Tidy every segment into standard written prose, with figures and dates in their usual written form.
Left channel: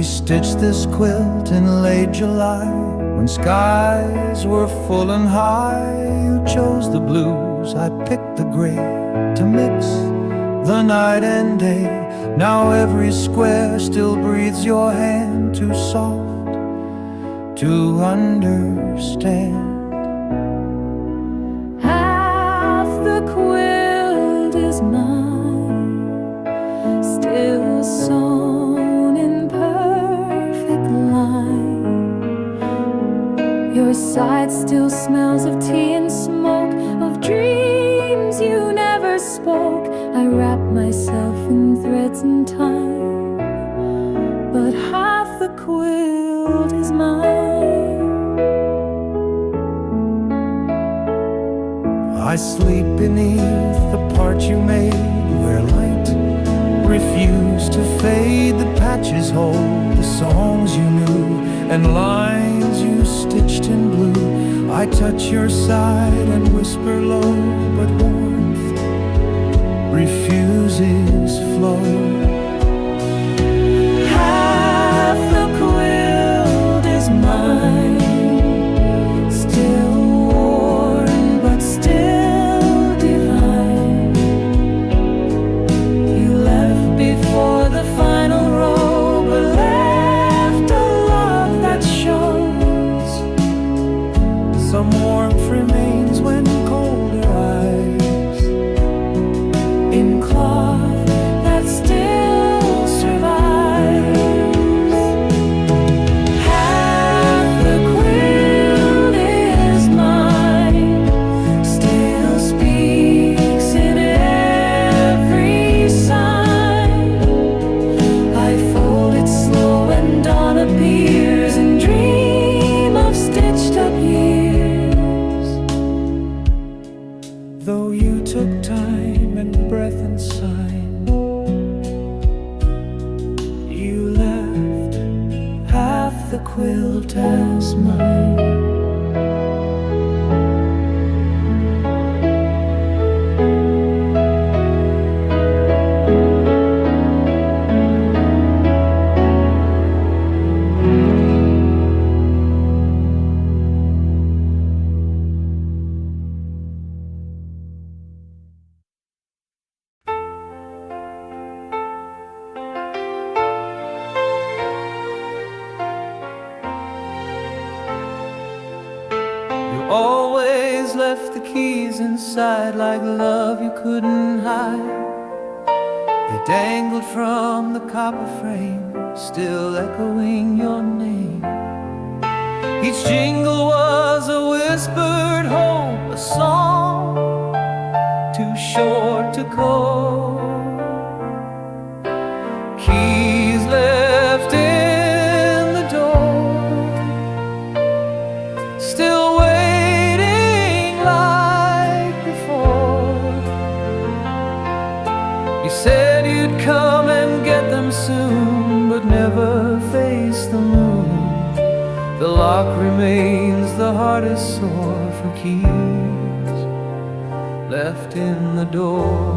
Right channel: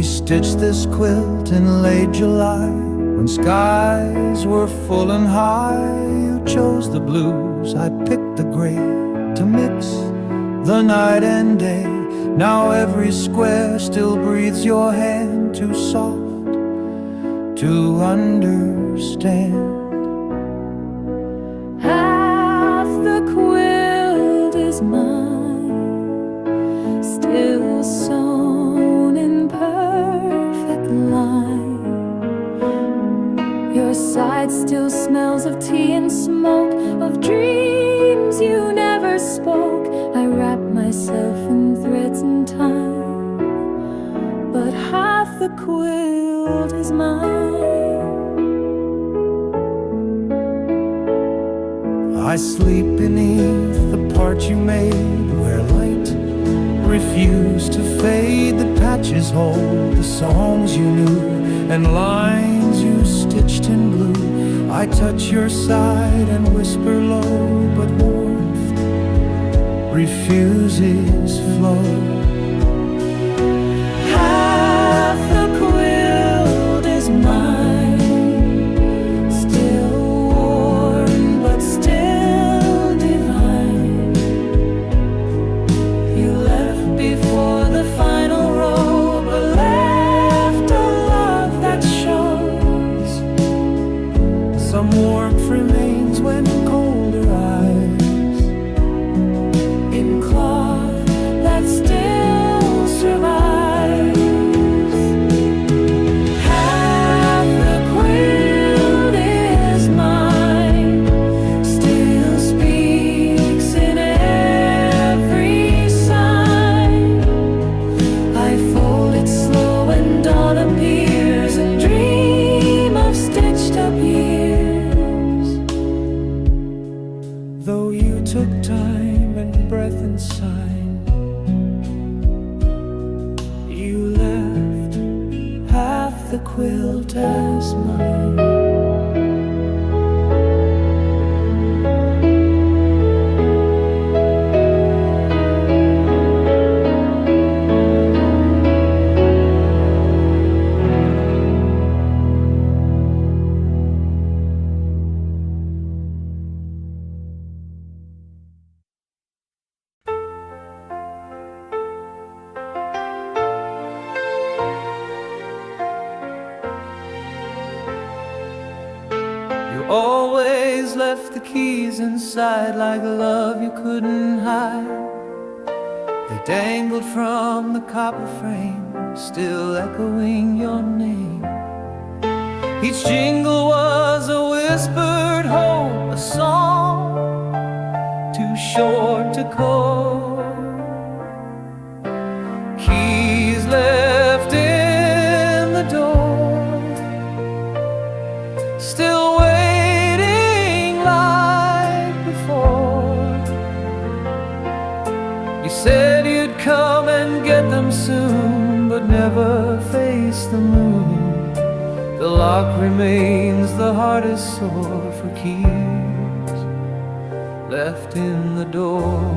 We stitched this quilt in late July, when skies were full and high. You chose the blues, I picked the gray, to mix the night and day. Now every square still breathes your hand, too soft to understand. Half the quilt is mine, still sewn in perfect line. Your side still smells of tea and smoke, of dreams you never spoke. I wrap myself in threads and time, but half the quilt is mine. I sleep beneath the part you made, where light refused to fade. The patches hold the songs you knew, and lines you stitched in blue. I touch your side and whisper low, but warmth refuses flow. Half the quilt is mine, still worn but still divine. You left before the final row, but left a love that shows. Some warmth remains when colder eyes, in cloth that still survives. Half the quilt is mine, still speaks in every sign. I fold it slow and dawn appears, and dream of stitched up years. though you took time and breath and sign. You left half the quilt as mine. You always left the keys inside, like love you couldn't hide. They dangled from the copper frame, still echoing your name. Each jingle was a whispered hope, a song too short to call. Keys left in the door, still waiting like before. You said you'd come and get them soon, but never face the moon. The lock remains the hardest sore for keys left in the door.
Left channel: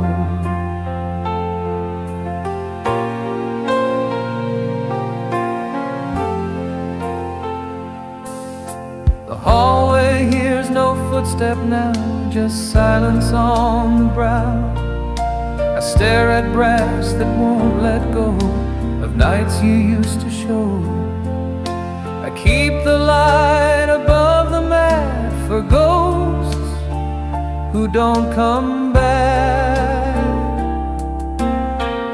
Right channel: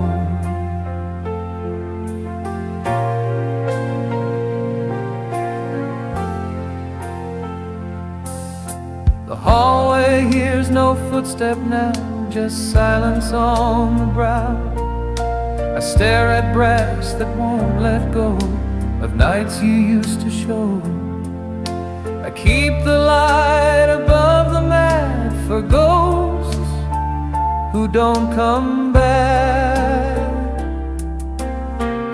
The hallway hears no footstep now, just silence on the brow. I stare at brass that won't let go of nights you used to show. I keep the light above the mat for ghosts who don't come back.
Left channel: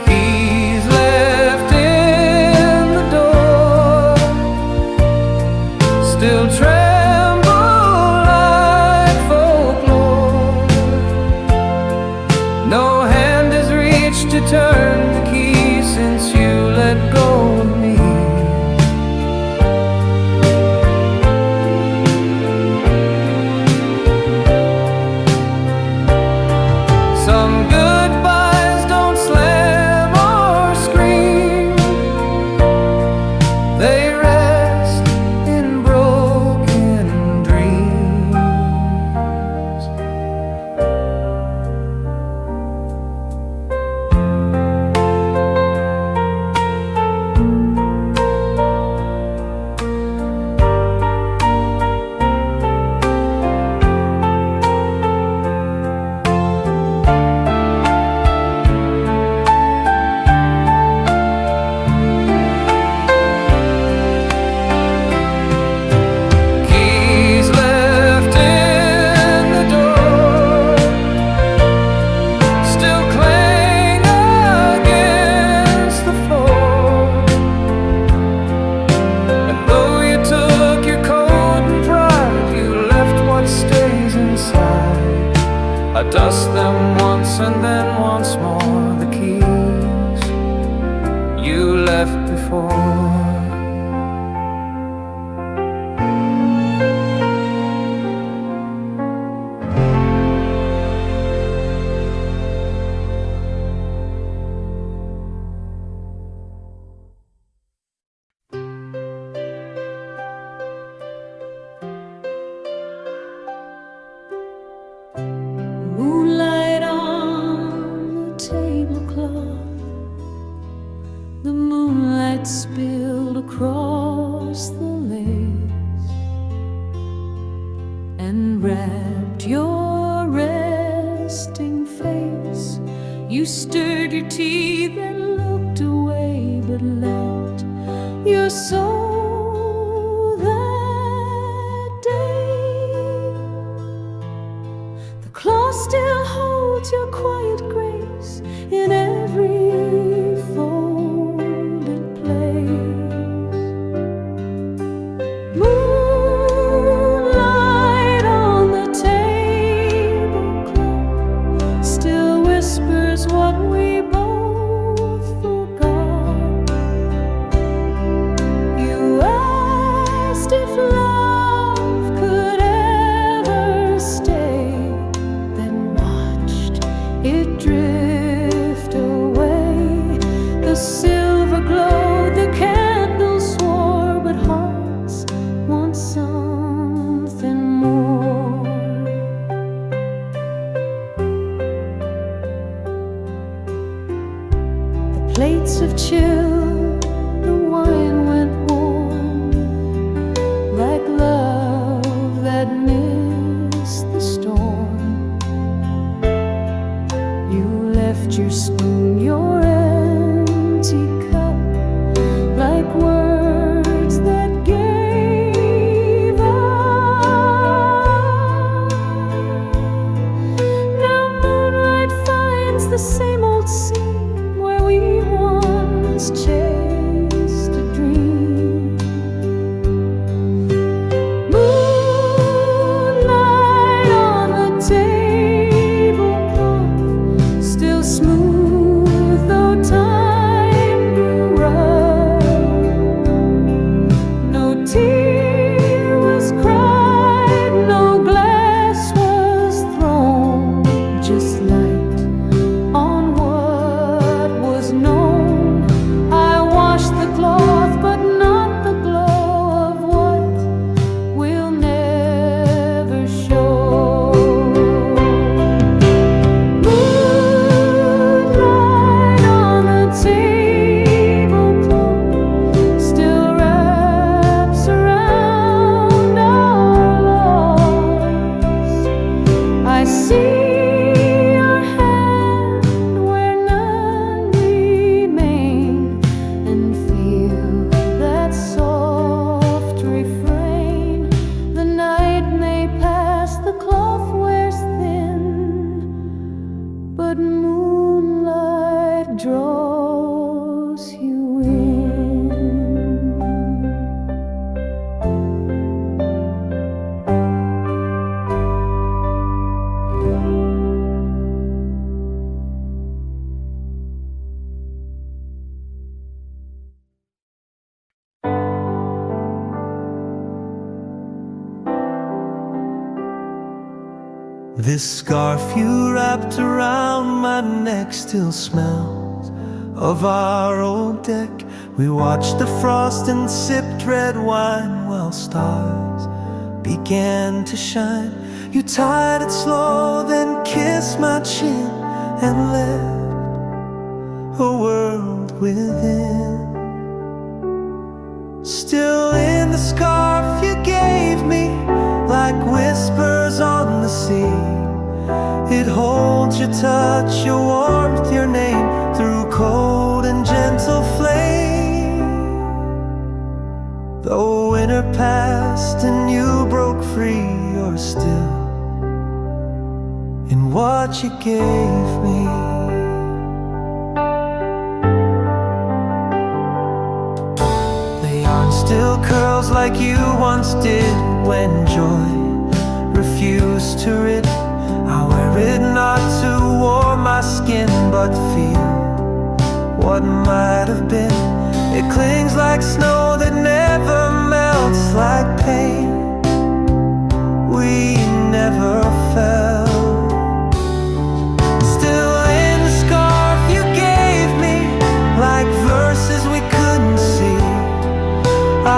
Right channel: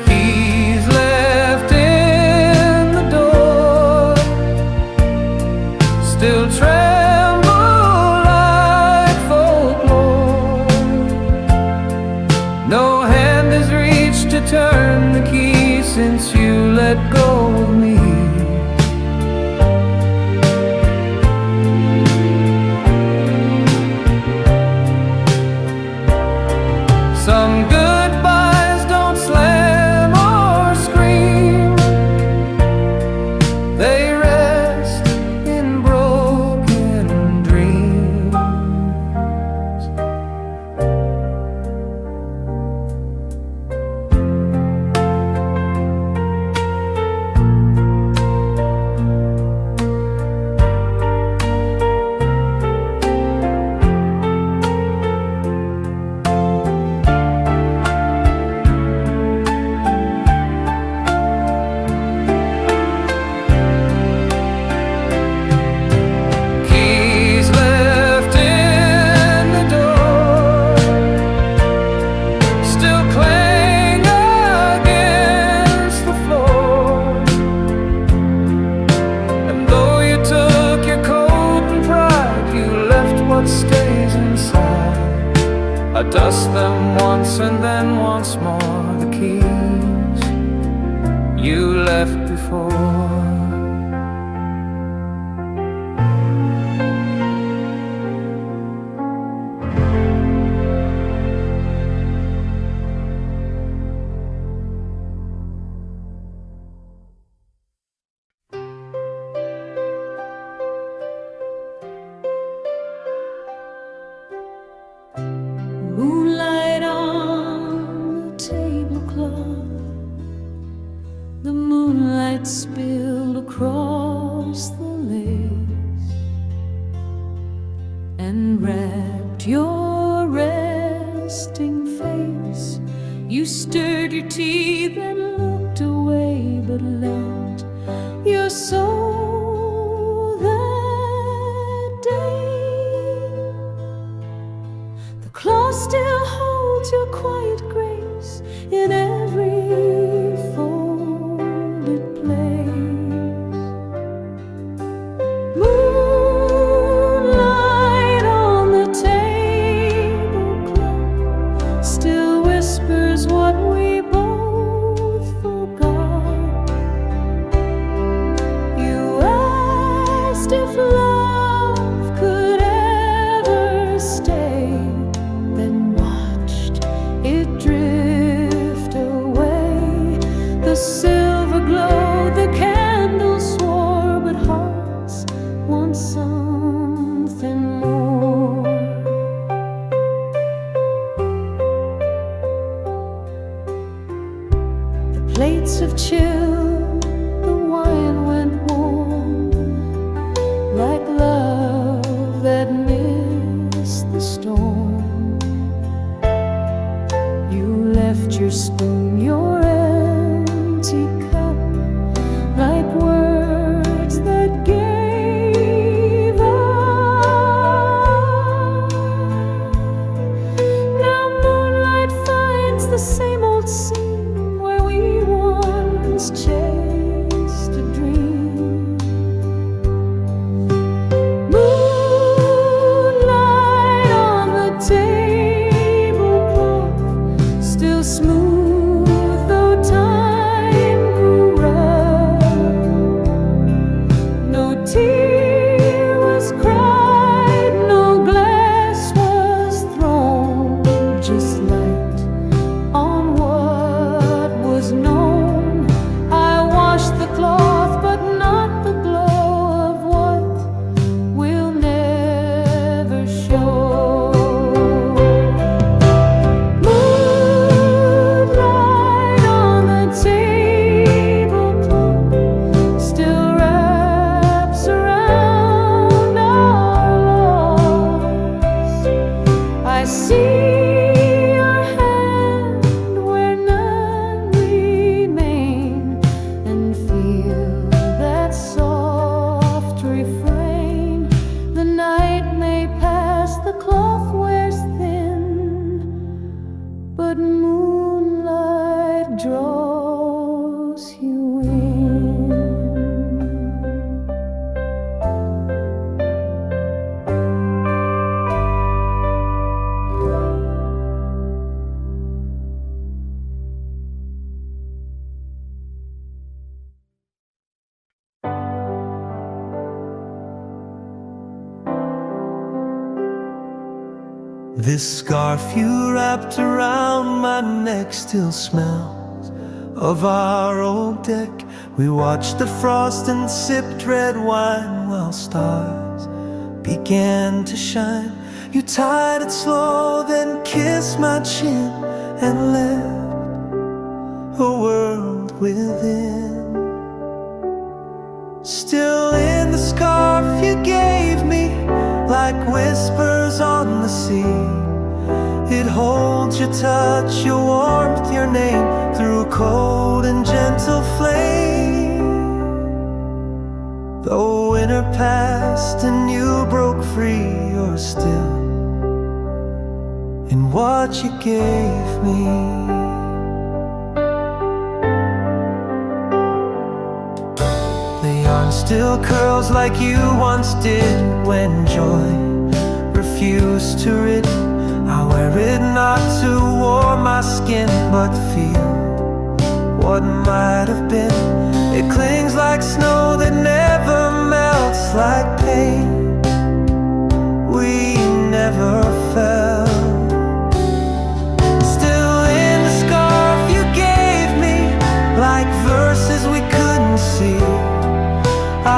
Keys left in the door, still tremble like folklore. No hand has reached to turn the key since you let go of me. Some goodbyes don't slam or scream, they rest in broken dreams. what stays inside. I dust them once and then once more, the keys you left before. Moonlight on the tablecloth, the moonlight spilled across the lace and wrapped your resting face. You stirred your teeth and looked away, but let your soul that day. The cloth still holds your quiet grace in every folded place. Moonlight on the tablecloth still whispers what we both forgot. You asked if love could ever stay, then watched it drift away. The silver glowed, the candles swore, but hearts want something more. The plates have chilled, the wine went warm, like love that missed the storm. You left your spoon, your empty cup, like words that gave up. Now moonlight finds the same old scene where we once chased a dream. Moonlight on the tablecloth, still smooth though time grew rough. No tear was cried, no glass was thrown, just light on what was known. I washed the cloth, but not the glow of what will never show. Moonlight on the tablecloth still wraps around our loss. I see your hand where none remain, and feel that soft refrain. The night may pass, the cloth wears thin, but moonlight draws you in. This scarf you wrapped around my neck still smells of our old deck. We watched the frost and sipped red wine while stars began to shine. You tied it slow, then kissed my chin and left a world within. Still in the scarf you gave me, like whispers on the sea. It holds your touch, your warmth, your name, through cold and gentle flame. Though winter passed and you broke free, you're still in what you gave me. The yarn still curls like you once did when joy refuse to rid. I wear it not to warm my skin, but feel what might have been. It clings like snow that never melts, like pain we never felt. Still in the scarf you gave me, like verses we couldn't see,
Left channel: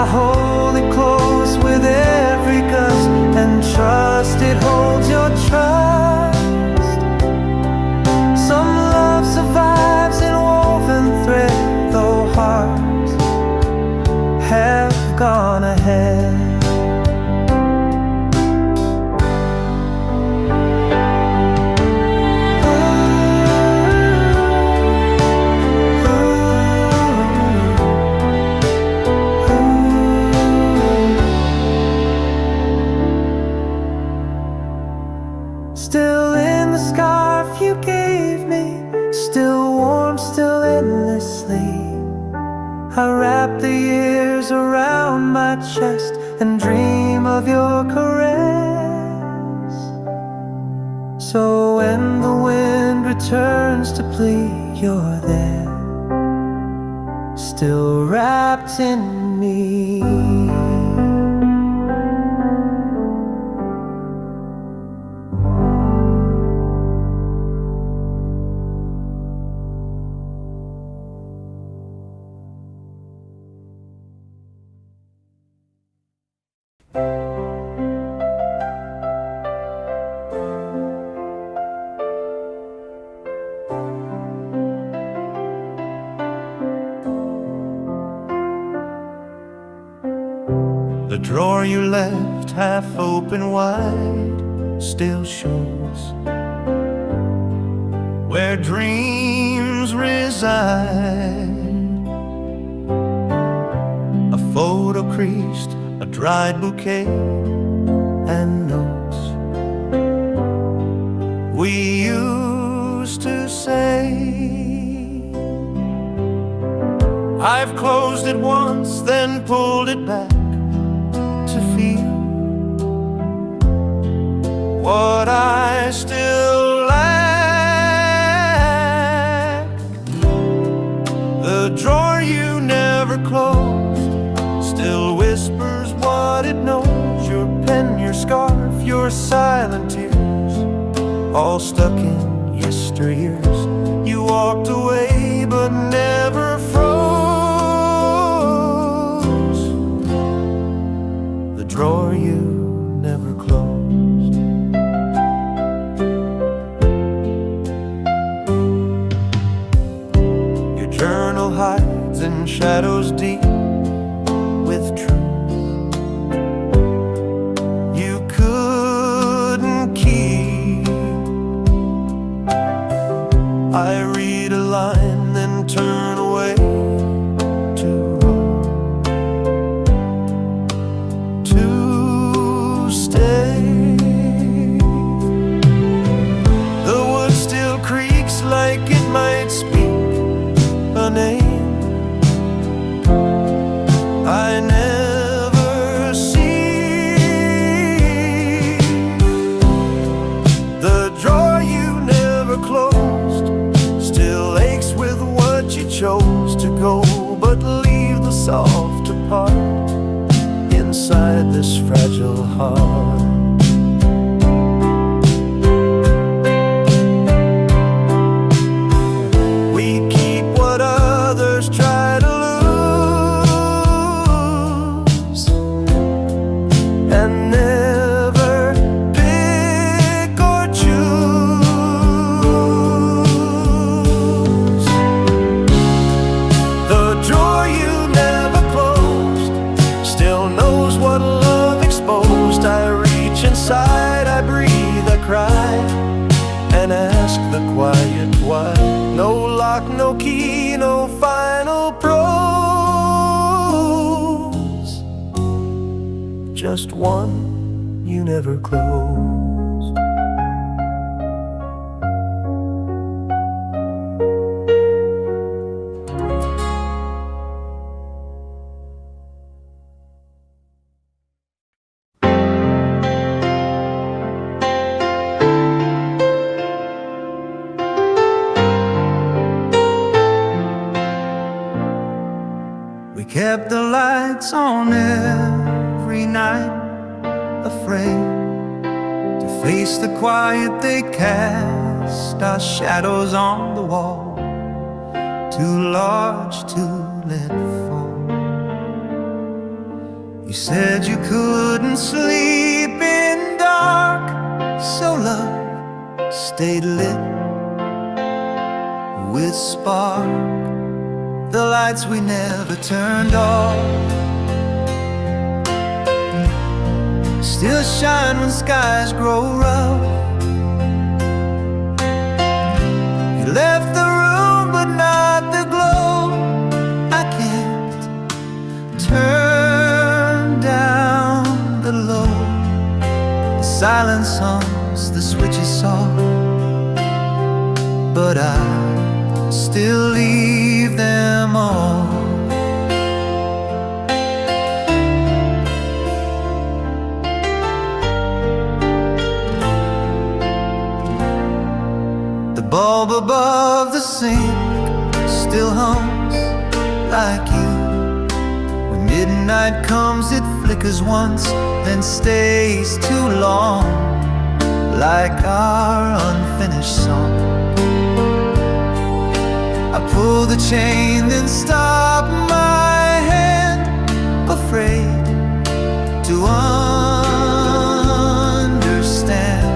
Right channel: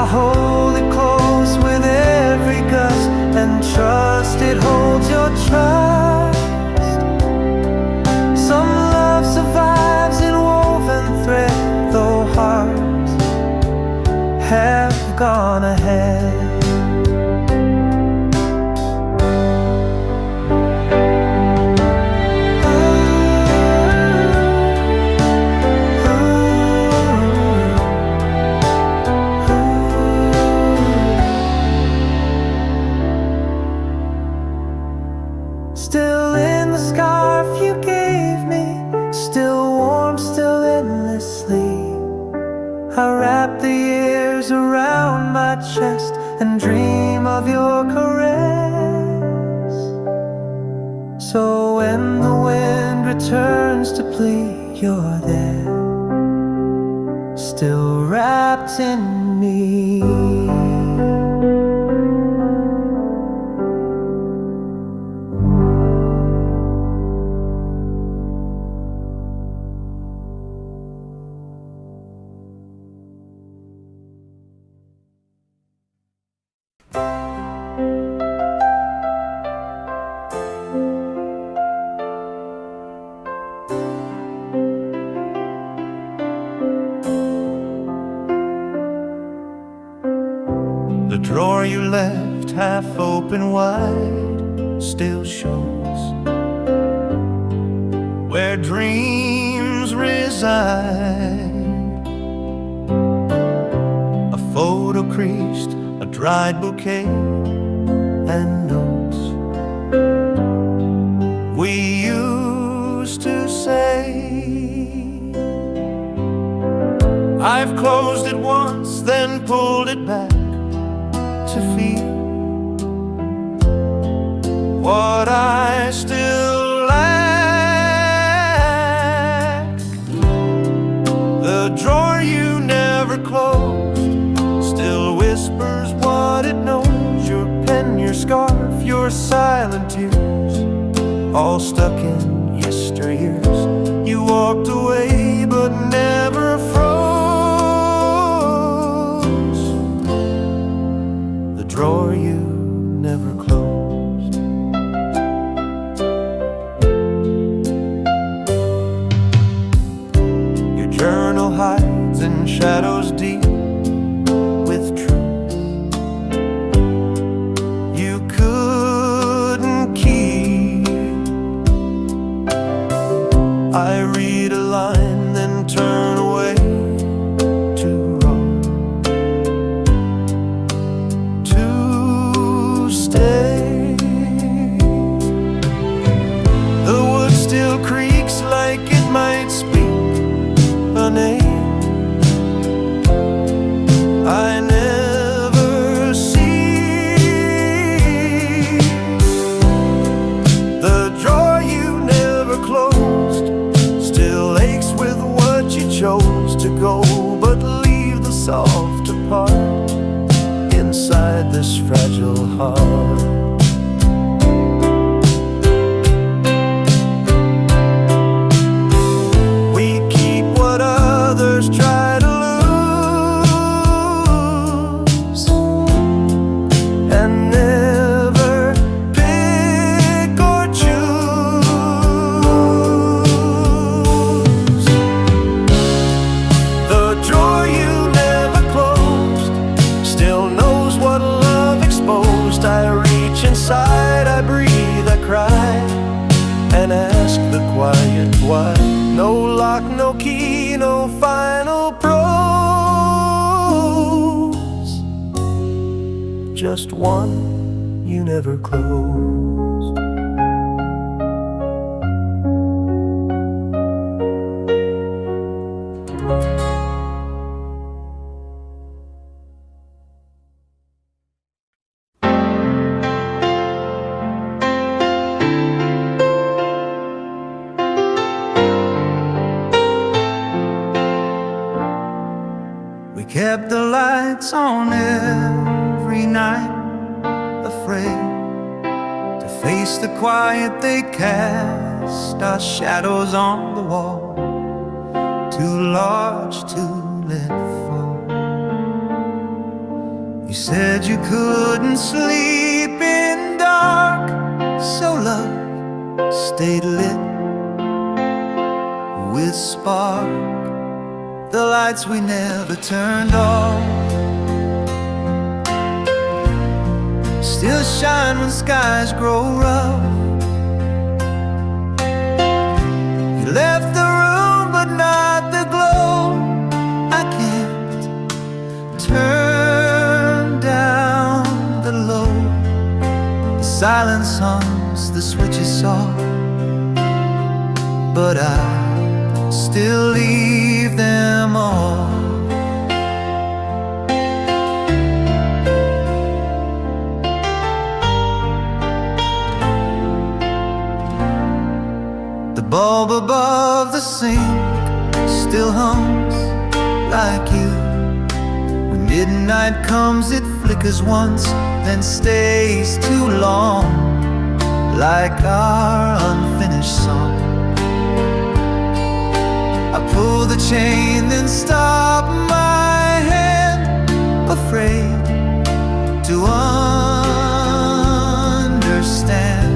I hold it close with every gust and trust it holds your trust. Some love survives in woven thread, though hearts have gone ahead. Still in the scarf you gave me, still warm, still endlessly. I wrap the years around my chest and dream of your caress. So when the wind returns to plea, you're there, still wrapped in me. The drawer you left half open wide still shows where dreams reside. A photo creased, a dried bouquet, and notes we used to say. I've closed it once, then pulled it back to feel what I still lack. The drawer you never closed still whispers what it knows. Your pen, your scarf, your silent tears, all stuck in yesteryears. You walked away but never froze. The drawer you never closed. Your journal hides in shadows deep with truth you couldn't keep. I read a line, then turn away to roll, to stay. The wood still creaks like it might speak a name I never see. The drawer you never closed still aches with what you chose to go, but leave the softer part inside this fragile heart. We keep what others try to lose, and never pick or choose. The drawer you never closed still knows what love exposed. I reach inside, I breathe, I cry, and ask the quiet why. No lock, no key, no final prose, just one you never closed. We kept the lights on every night, afraid to face the quiet they cast. Our shadows on the wall, too large to let fall. You said you couldn't sleep in dark, so love stayed lit with spark. The lights we never turned off still shine when skies grow rough. You left the room but not the glow. I can't turn down the low. The silence hums, the switch is soft, but I still leave them off. The bulb above the sink still hums like you. When midnight comes it flickers once, then stays too long, like our unfinished song. I pull the chain, then stop my hand, afraid to understand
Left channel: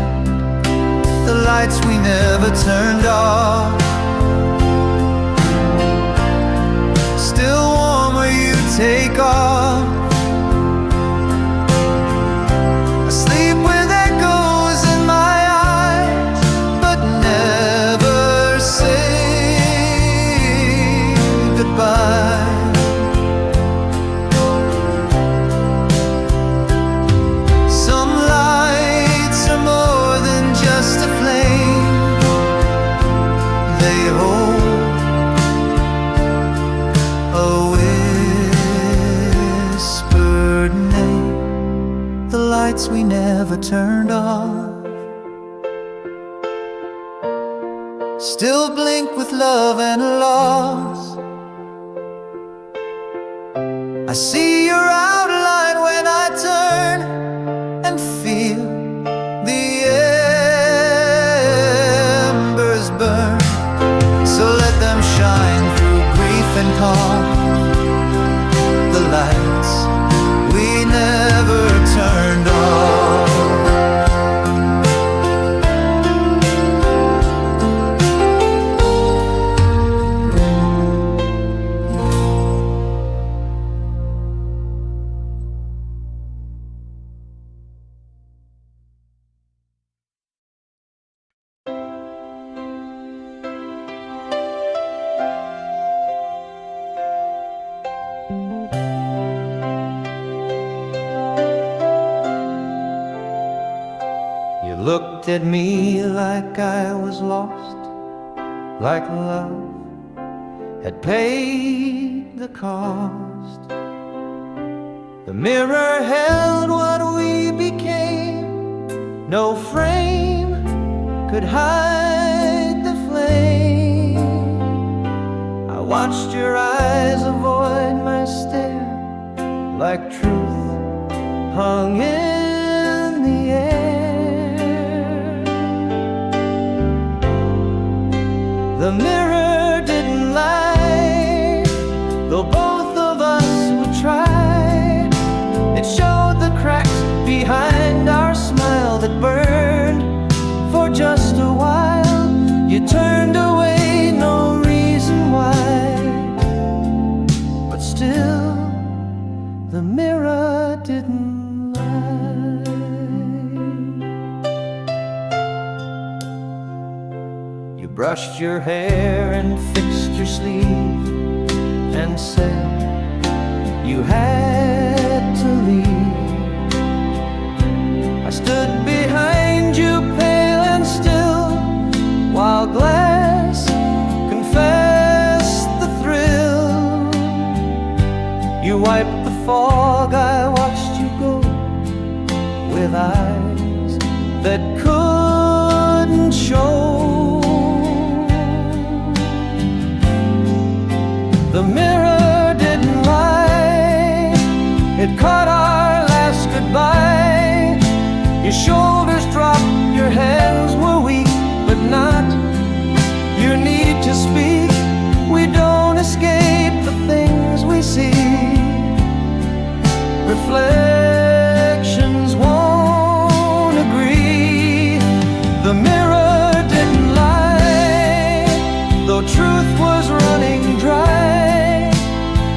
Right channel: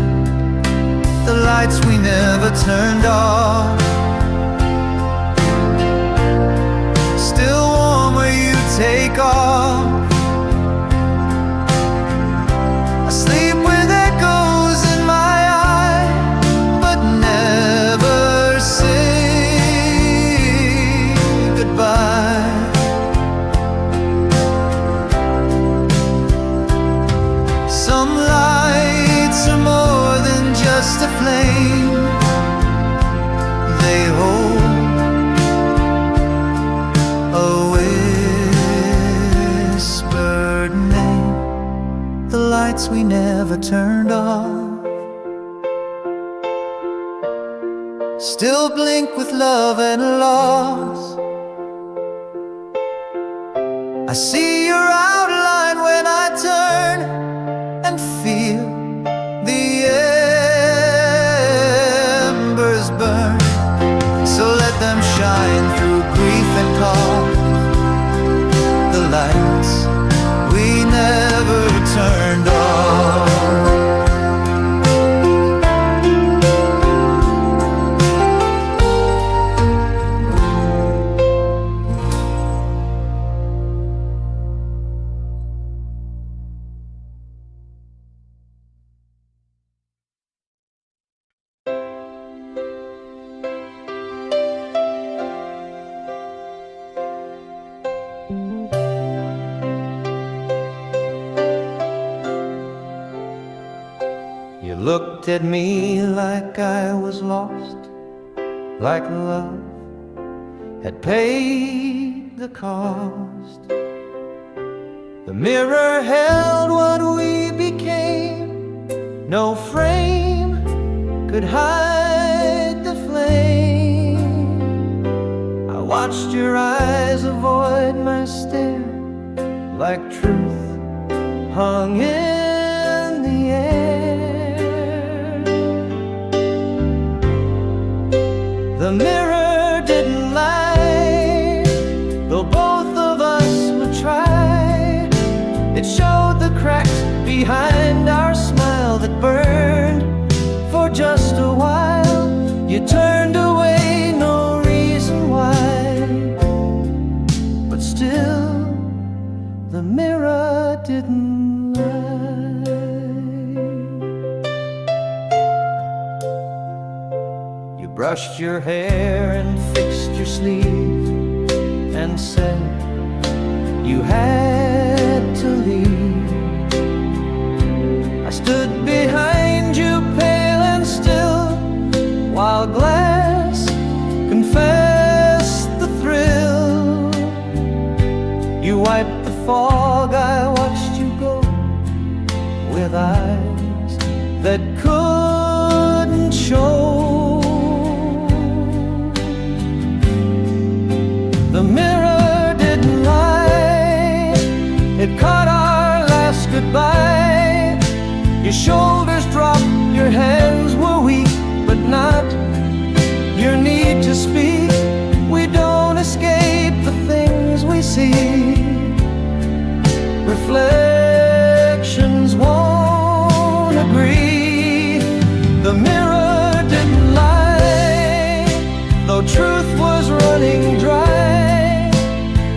the lights we never turned off. Still warm where you take off. I sleep with echoes in my eyes, but never say goodbye. Some lights are more than just a flame. They hold a whispered name. The lights we never turned off still blink with love and loss. I see your outline when I turn and feel the embers burn. So let them shine through grief and calm, the lights we never turned off. You looked at me like I was lost, like love had paid the cost. The mirror held what we became, no frame could hide the flame. I watched your eyes avoid my stare, like truth hung in the air. The mirror didn't lie, though both of us would try. It showed the cracks behind our smile that burned for just a while. You turned away, no reason why, but still the mirror didn't lie. You brushed your hair and fixed your sleeve and said you had to leave. I stood behind you, pale and still, while glass confessed the thrill. You wiped the fog, I watched you go, with eyes that couldn't show. The mirror didn't lie, It caught our last goodbye. Your shoulders dropped, your hands were weak, but not your need to speak. We don't escape the things we see. Reflections won't agree. The mirror didn't lie, though truth was running dry.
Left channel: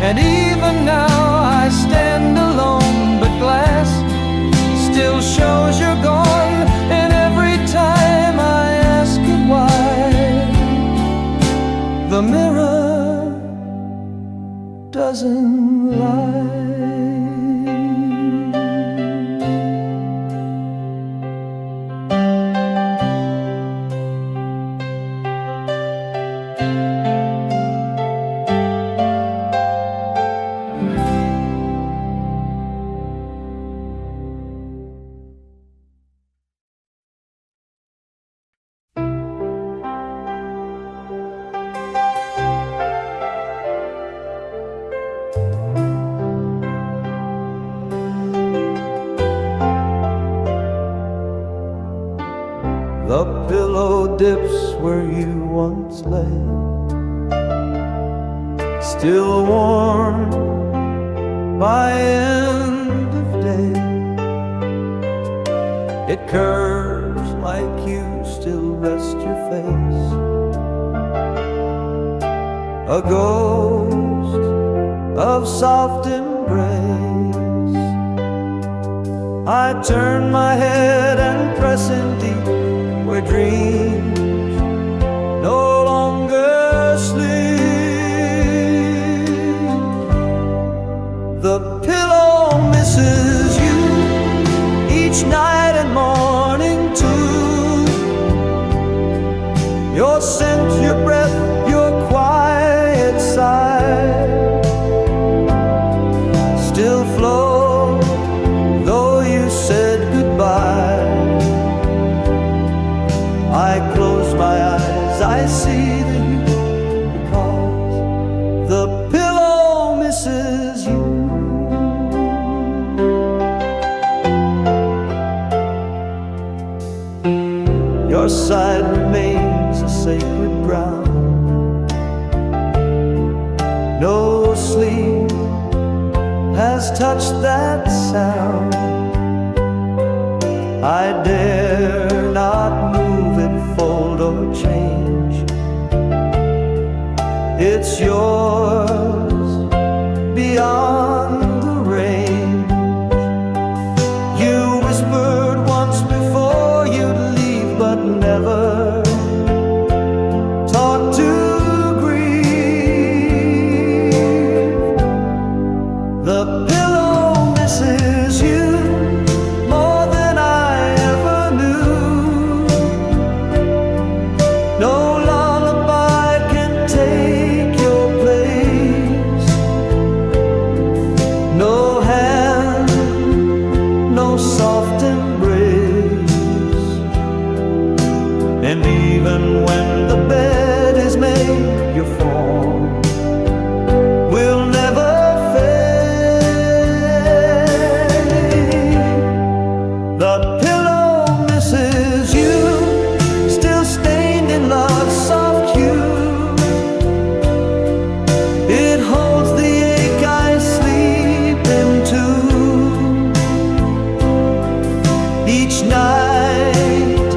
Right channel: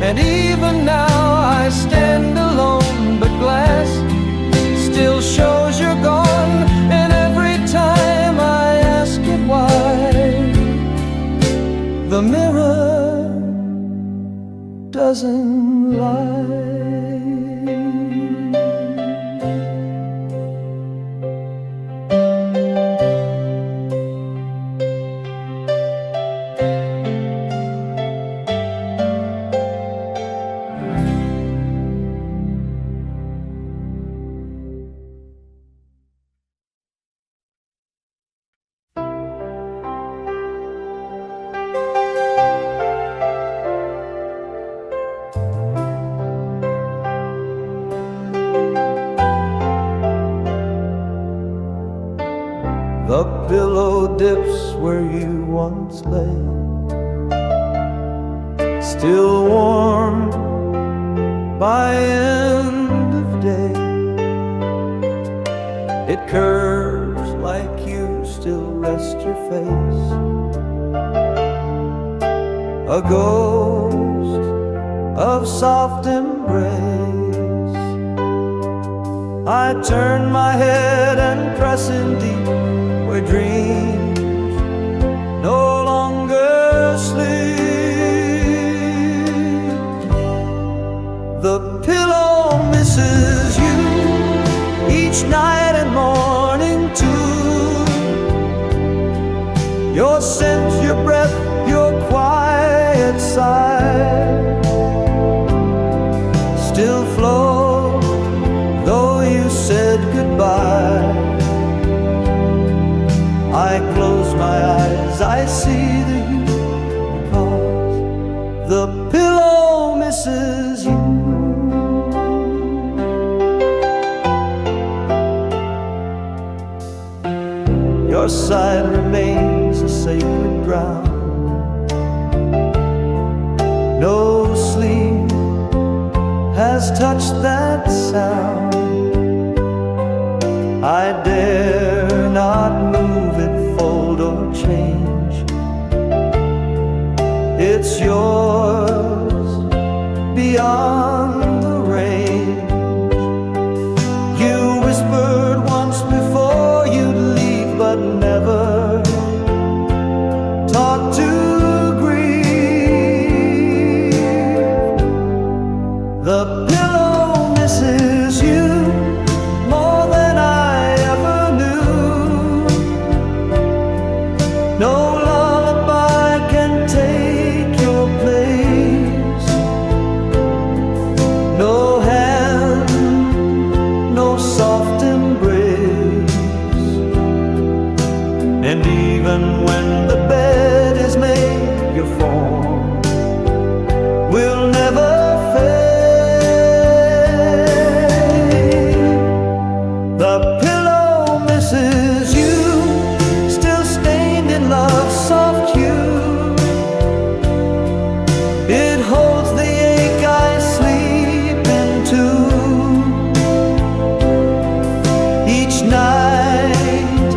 And even now I stand alone, but glass still shows you're gone. And every time I ask it why, the mirror doesn't lie. The pillow dips where you once lay, still warm by end of day. It curves like you still rest your face, a ghost of soft embrace. I turn my head and press in deep where dreams no longer sleep. The pillow misses you each night and morning too. Your scent, your breath, your quiet sigh still float, though you said goodbye. I close my eyes, I see the you, because the pillow misses you. Your side remains a sacred ground. No sleep has touched that sound. I dare not move it, fold or change. It's yours beyond the range. You whispered once before you'd leave, but never taught to grieve. The pillow misses you more than I ever knew. No lullaby can take your place. No hand, no soft embrace. And even when the bed is made, your form will never fade. The pillow misses you, still stained in love's soft hue. It holds the ache I sleep into. Each night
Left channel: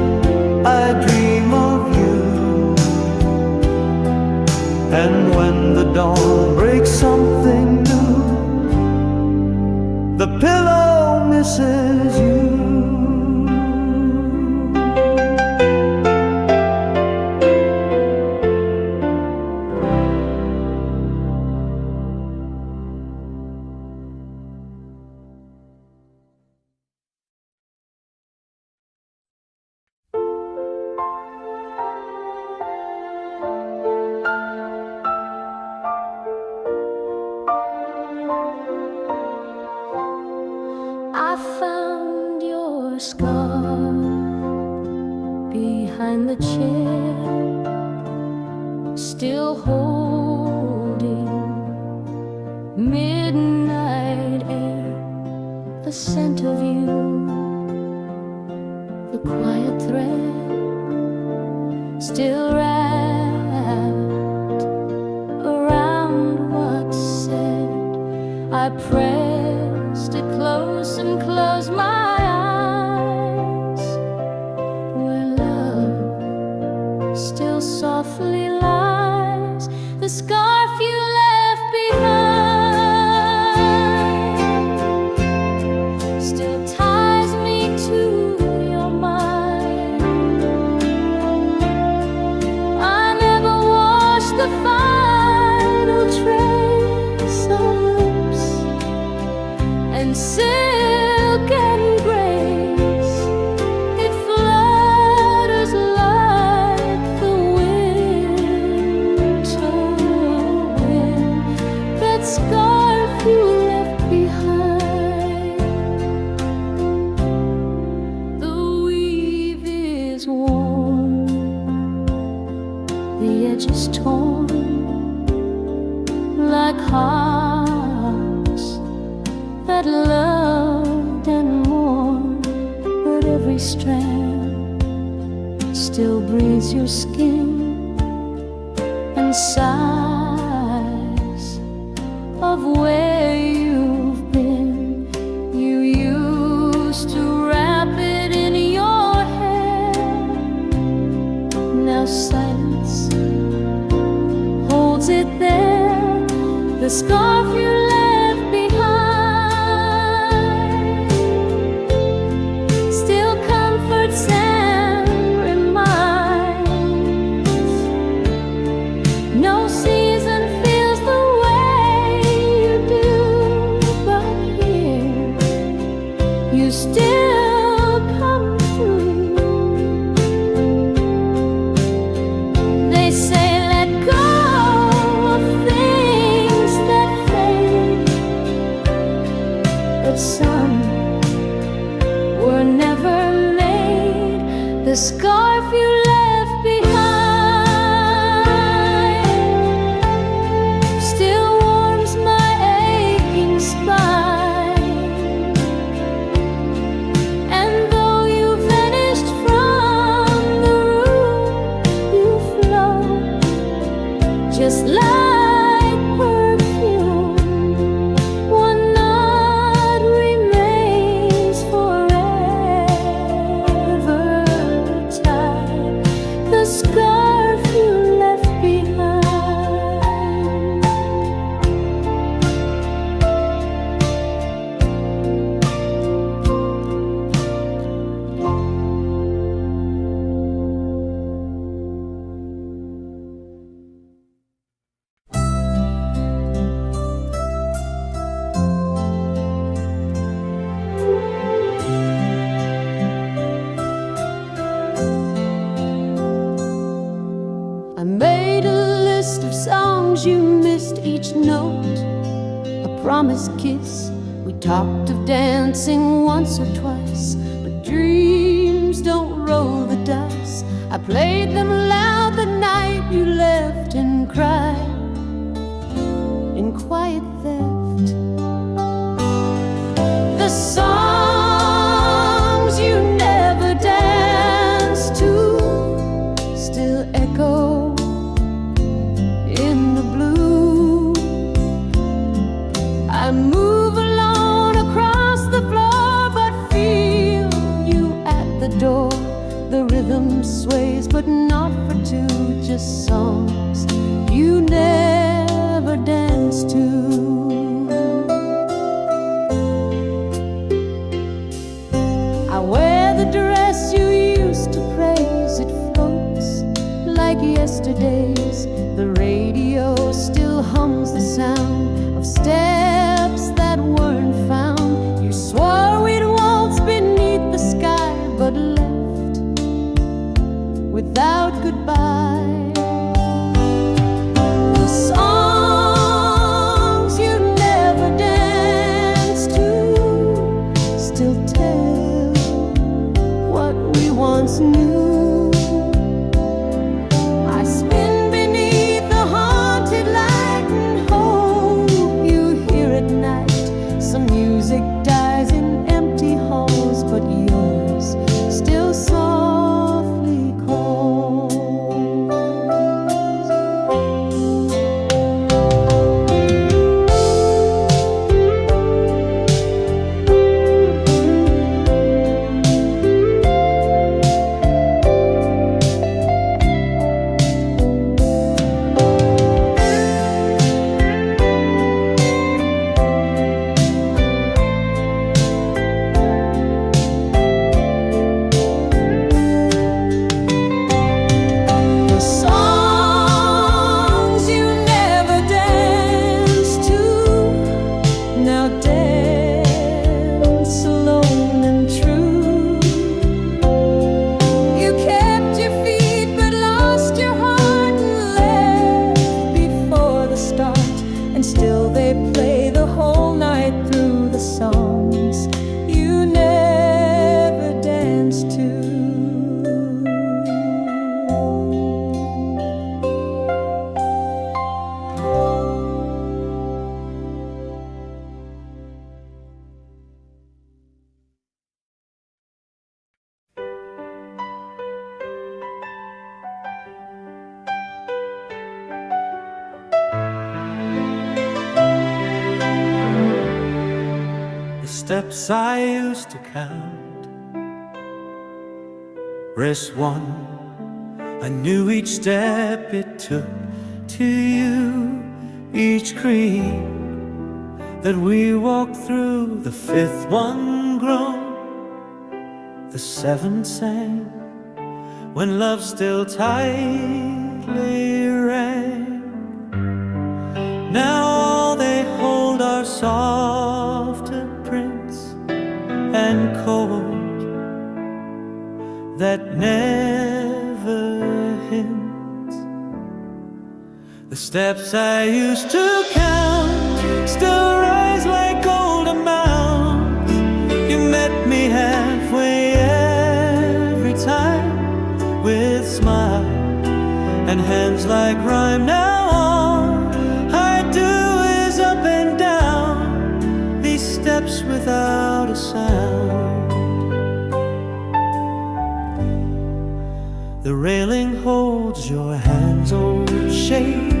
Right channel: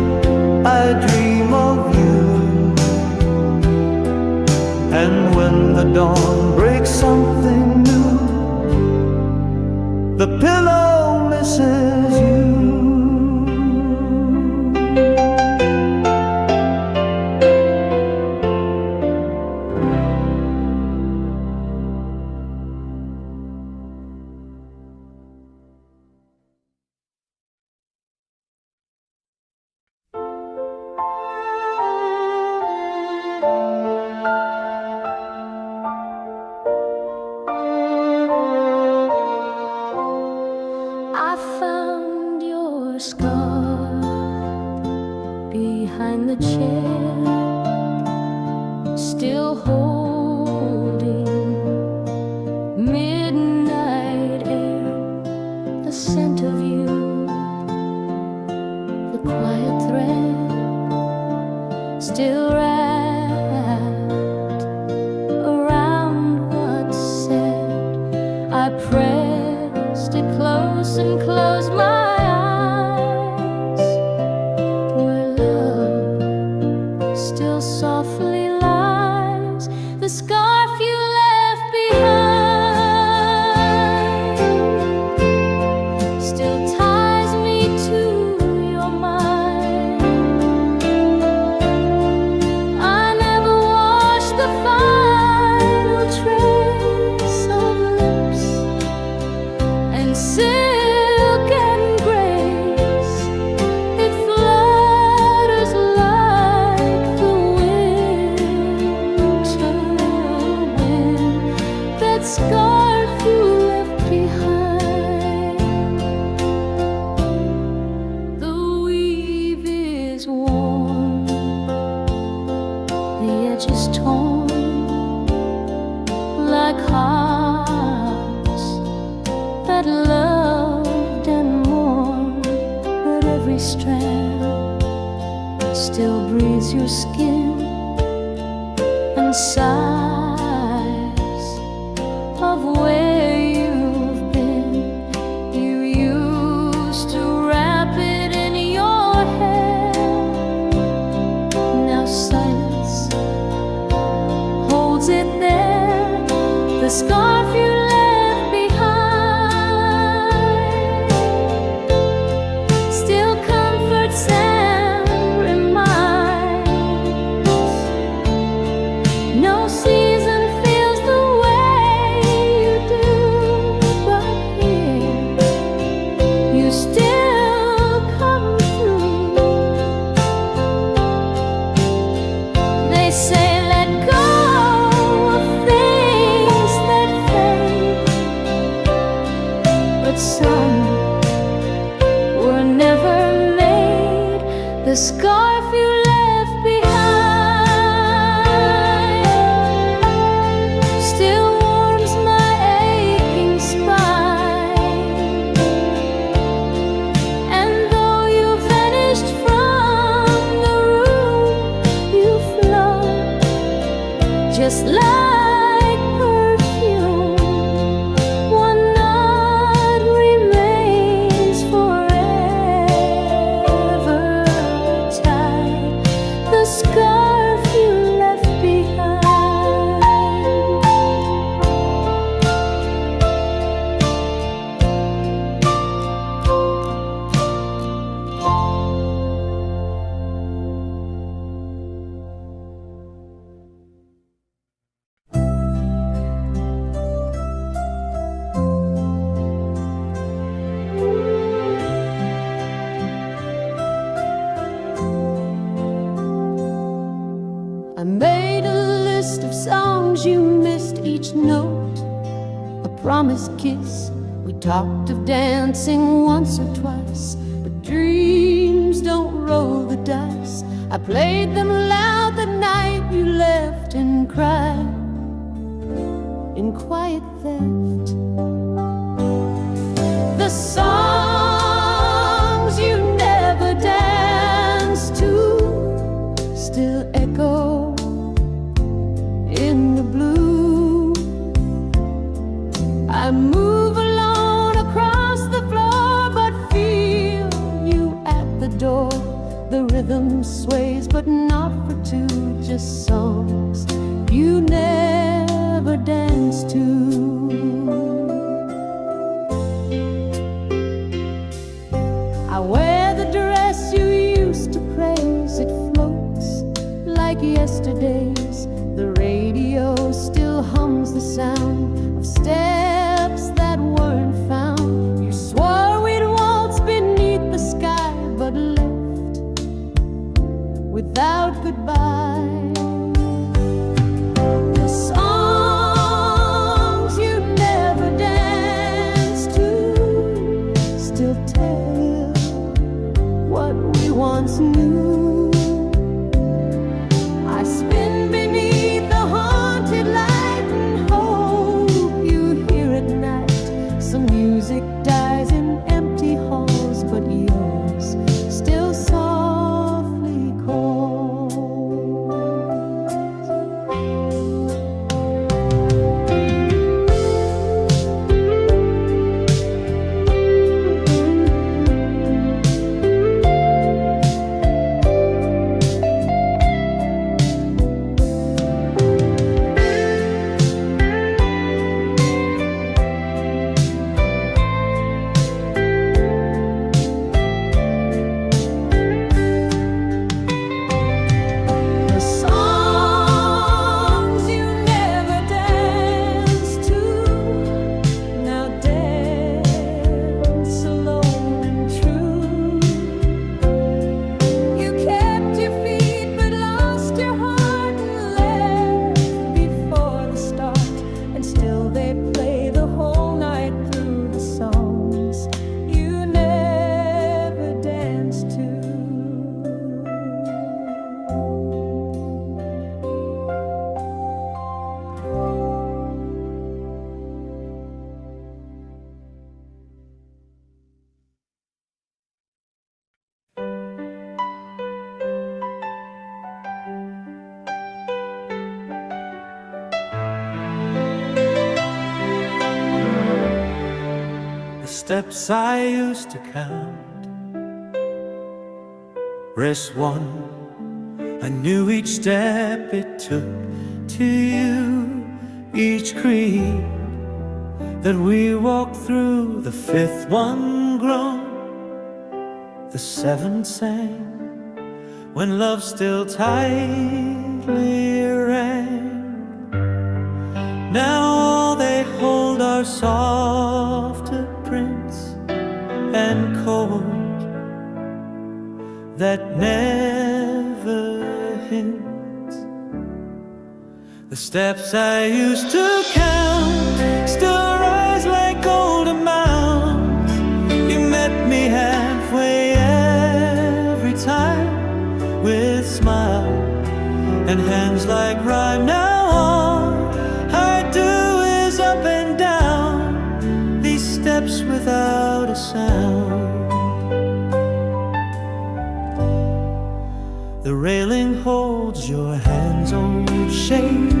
I dream of you, and when the dawn breaks something new, the pillow misses you. I found your scar behind the chair, still holding midnight air. scent of you, the quiet thread still wrapped around what's said. I pressed it close and closed my eyes, where love still softly lies, the scarf you left behind still ties me to your mind. I never washed the final trace of lips and silk and grace. It flutters like the winter wind, that scarf you left behind. The weave is worn, the edge is torn, like hearts that loved and mourned, but every strand still breathes your skin and sighs of where you've been. You used to wrap it in your hair, now silence holds it there, the scarf you left behind still comforts and reminds. No season feels the way you do, but here you still come through. They say let go of things that fade, but some were never made. The scarf you left behind still warms my aching spine, and though you vanished from the room, you float just like perfume. One knot remains forever tied, the scarf you left behind. I made a list of songs you missed each note, a promised kiss. We talked of dancing once or twice, but dreams don't roll the dice. I played them loud the night you left and cried in quiet theft. The songs you never danced to still echo in the blue. I move alone across the floor, but feel you at the door. The rhythm sways, but not for two, just songs you never danced to. I wear the dress you used to praise, it floats like yesterday's. The radio still hums the sound of steps that weren't found. You swore we'd waltz beneath the sky, but left without goodbye. The songs you never danced to still tell what we once knew. I spin beneath the haunted light and hope you hear at night some music music dies in empty halls, but yours still softly calls. The songs you never danced to, now dance alone and true. You kept your feet but lost your heart and left before the start, and still they play the whole night through the songs you never danced to. The steps I used to count, rest one, I knew each step it took to you, each creep that we walked through, the fifth one grown, the seventh sang, when love still tightly rang. Now all they hold are softer prints and cold that never hint. The steps I used to count still rise like golden mounds. You met me halfway every time, with smile and hands like rhyme. Now all I do is up and down these steps without a sound. The railing holds your hand's old shape,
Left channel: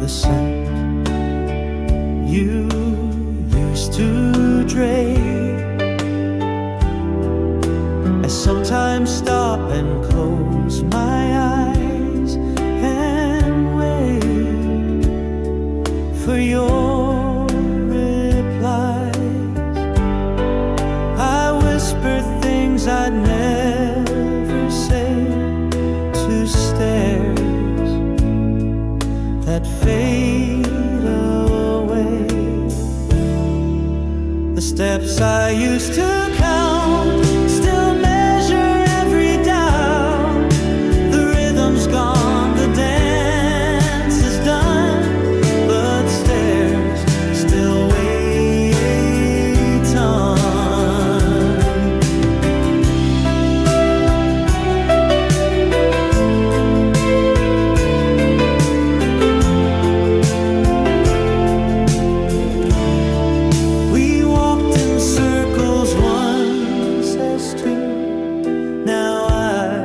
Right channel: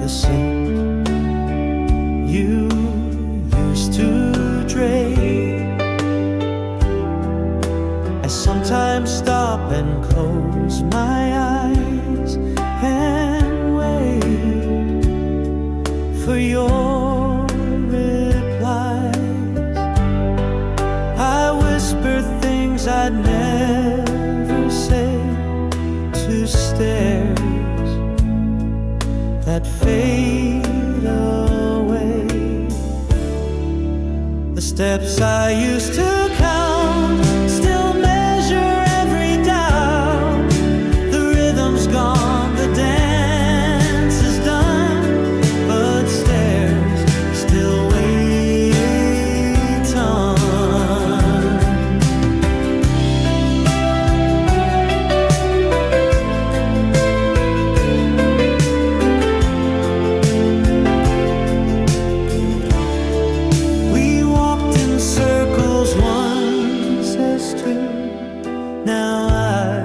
the scent you used to drape. I sometimes stop and close my eyes and wait for your replies. I whisper things I'd never say to stares that fade away. The steps I used to count still measure every down. The rhythm's gone, the dance is done, but stares still wait on. We walked in circles once as two. Now I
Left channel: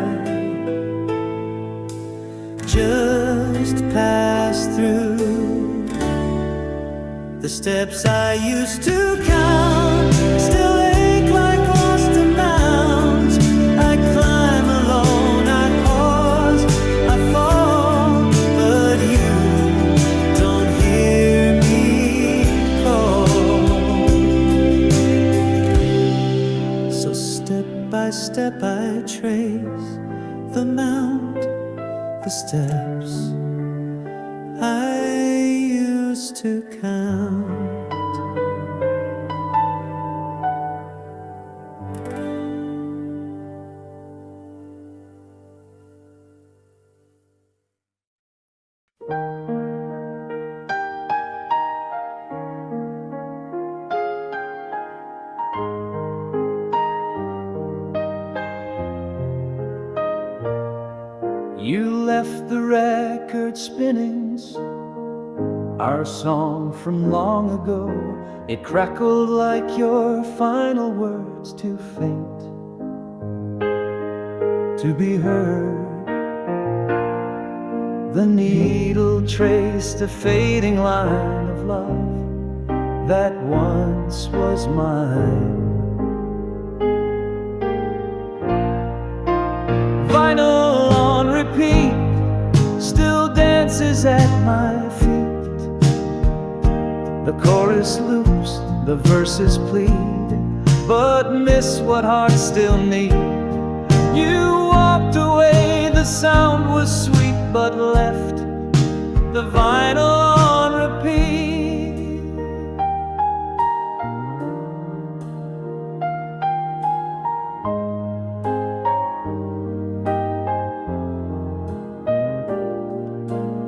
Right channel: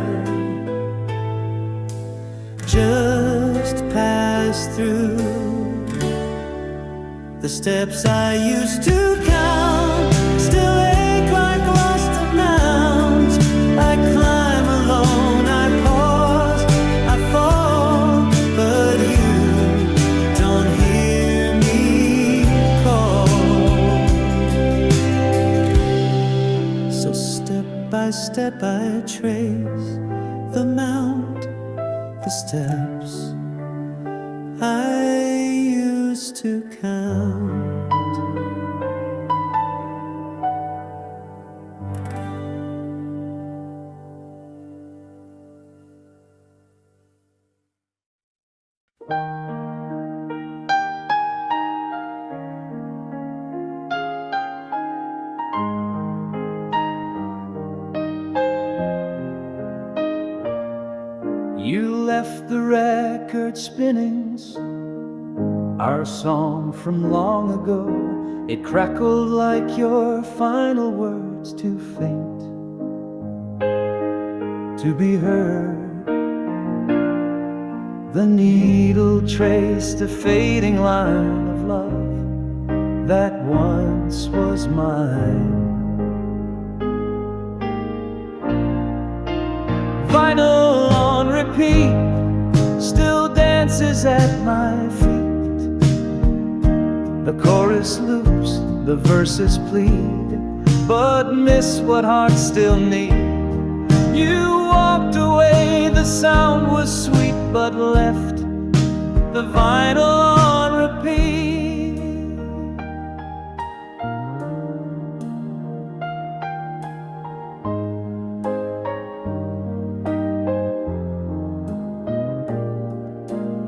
just pass through. The steps I used to count still ache like lost amounts. I climb alone, I pause, I fall, but you don't hear me call. So step by step I trace the mount, the steps I used to count. You left the record spinning, our song from long ago, It crackled like your final words, too faint to be heard. The needle traced a fading line of love that once was mine. Vinyl on repeat still dances at my feet. The chorus loops, the verses plead, but miss what hearts still need. You walked away, the sound was sweet, but left the vinyl on repeat.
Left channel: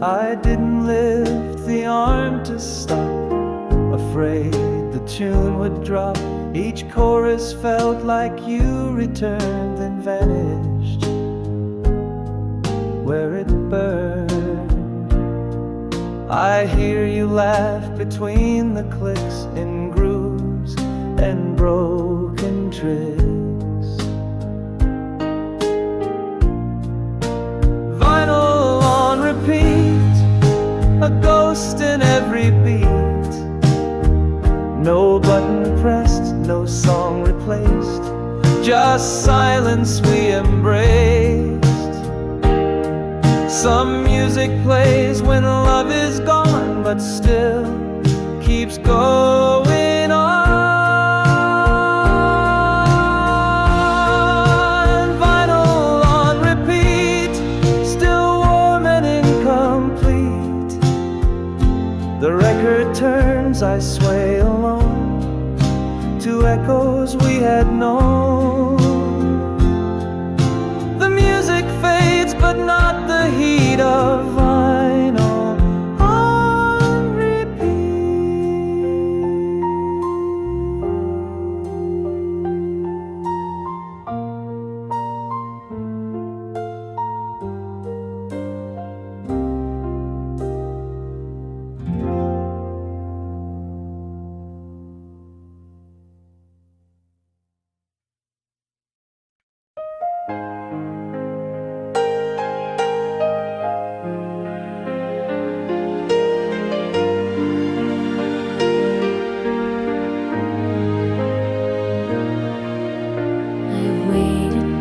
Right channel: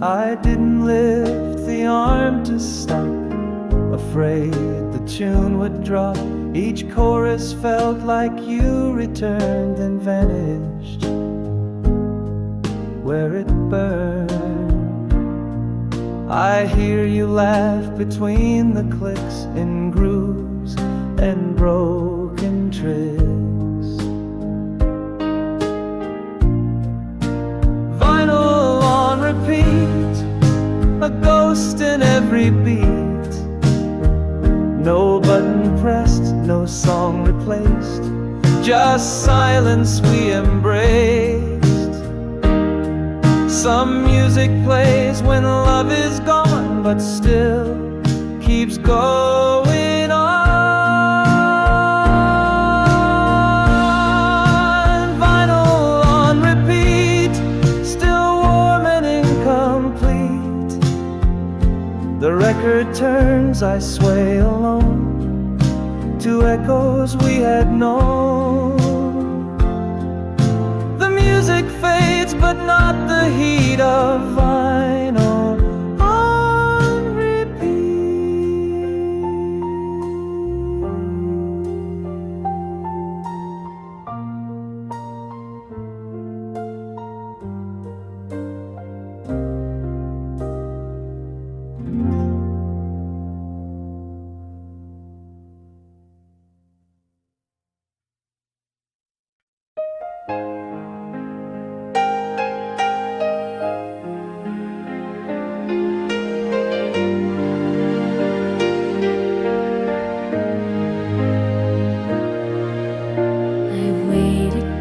I didn't lift the arm to stop, afraid the tune would drop. Each chorus felt like you returned, then vanished where it burned. I hear you laugh between the clicks in grooves and broken tricks. Vinyl on repeat, a ghost in every beat. No button pressed, no song replaced, just silence we embraced. Some music plays when love is gone, but still keeps going on. Vinyl on repeat, still warm and incomplete. The record turns, I sway alone to echoes we had known. The music fades, but not the heat of vinyl on repeat.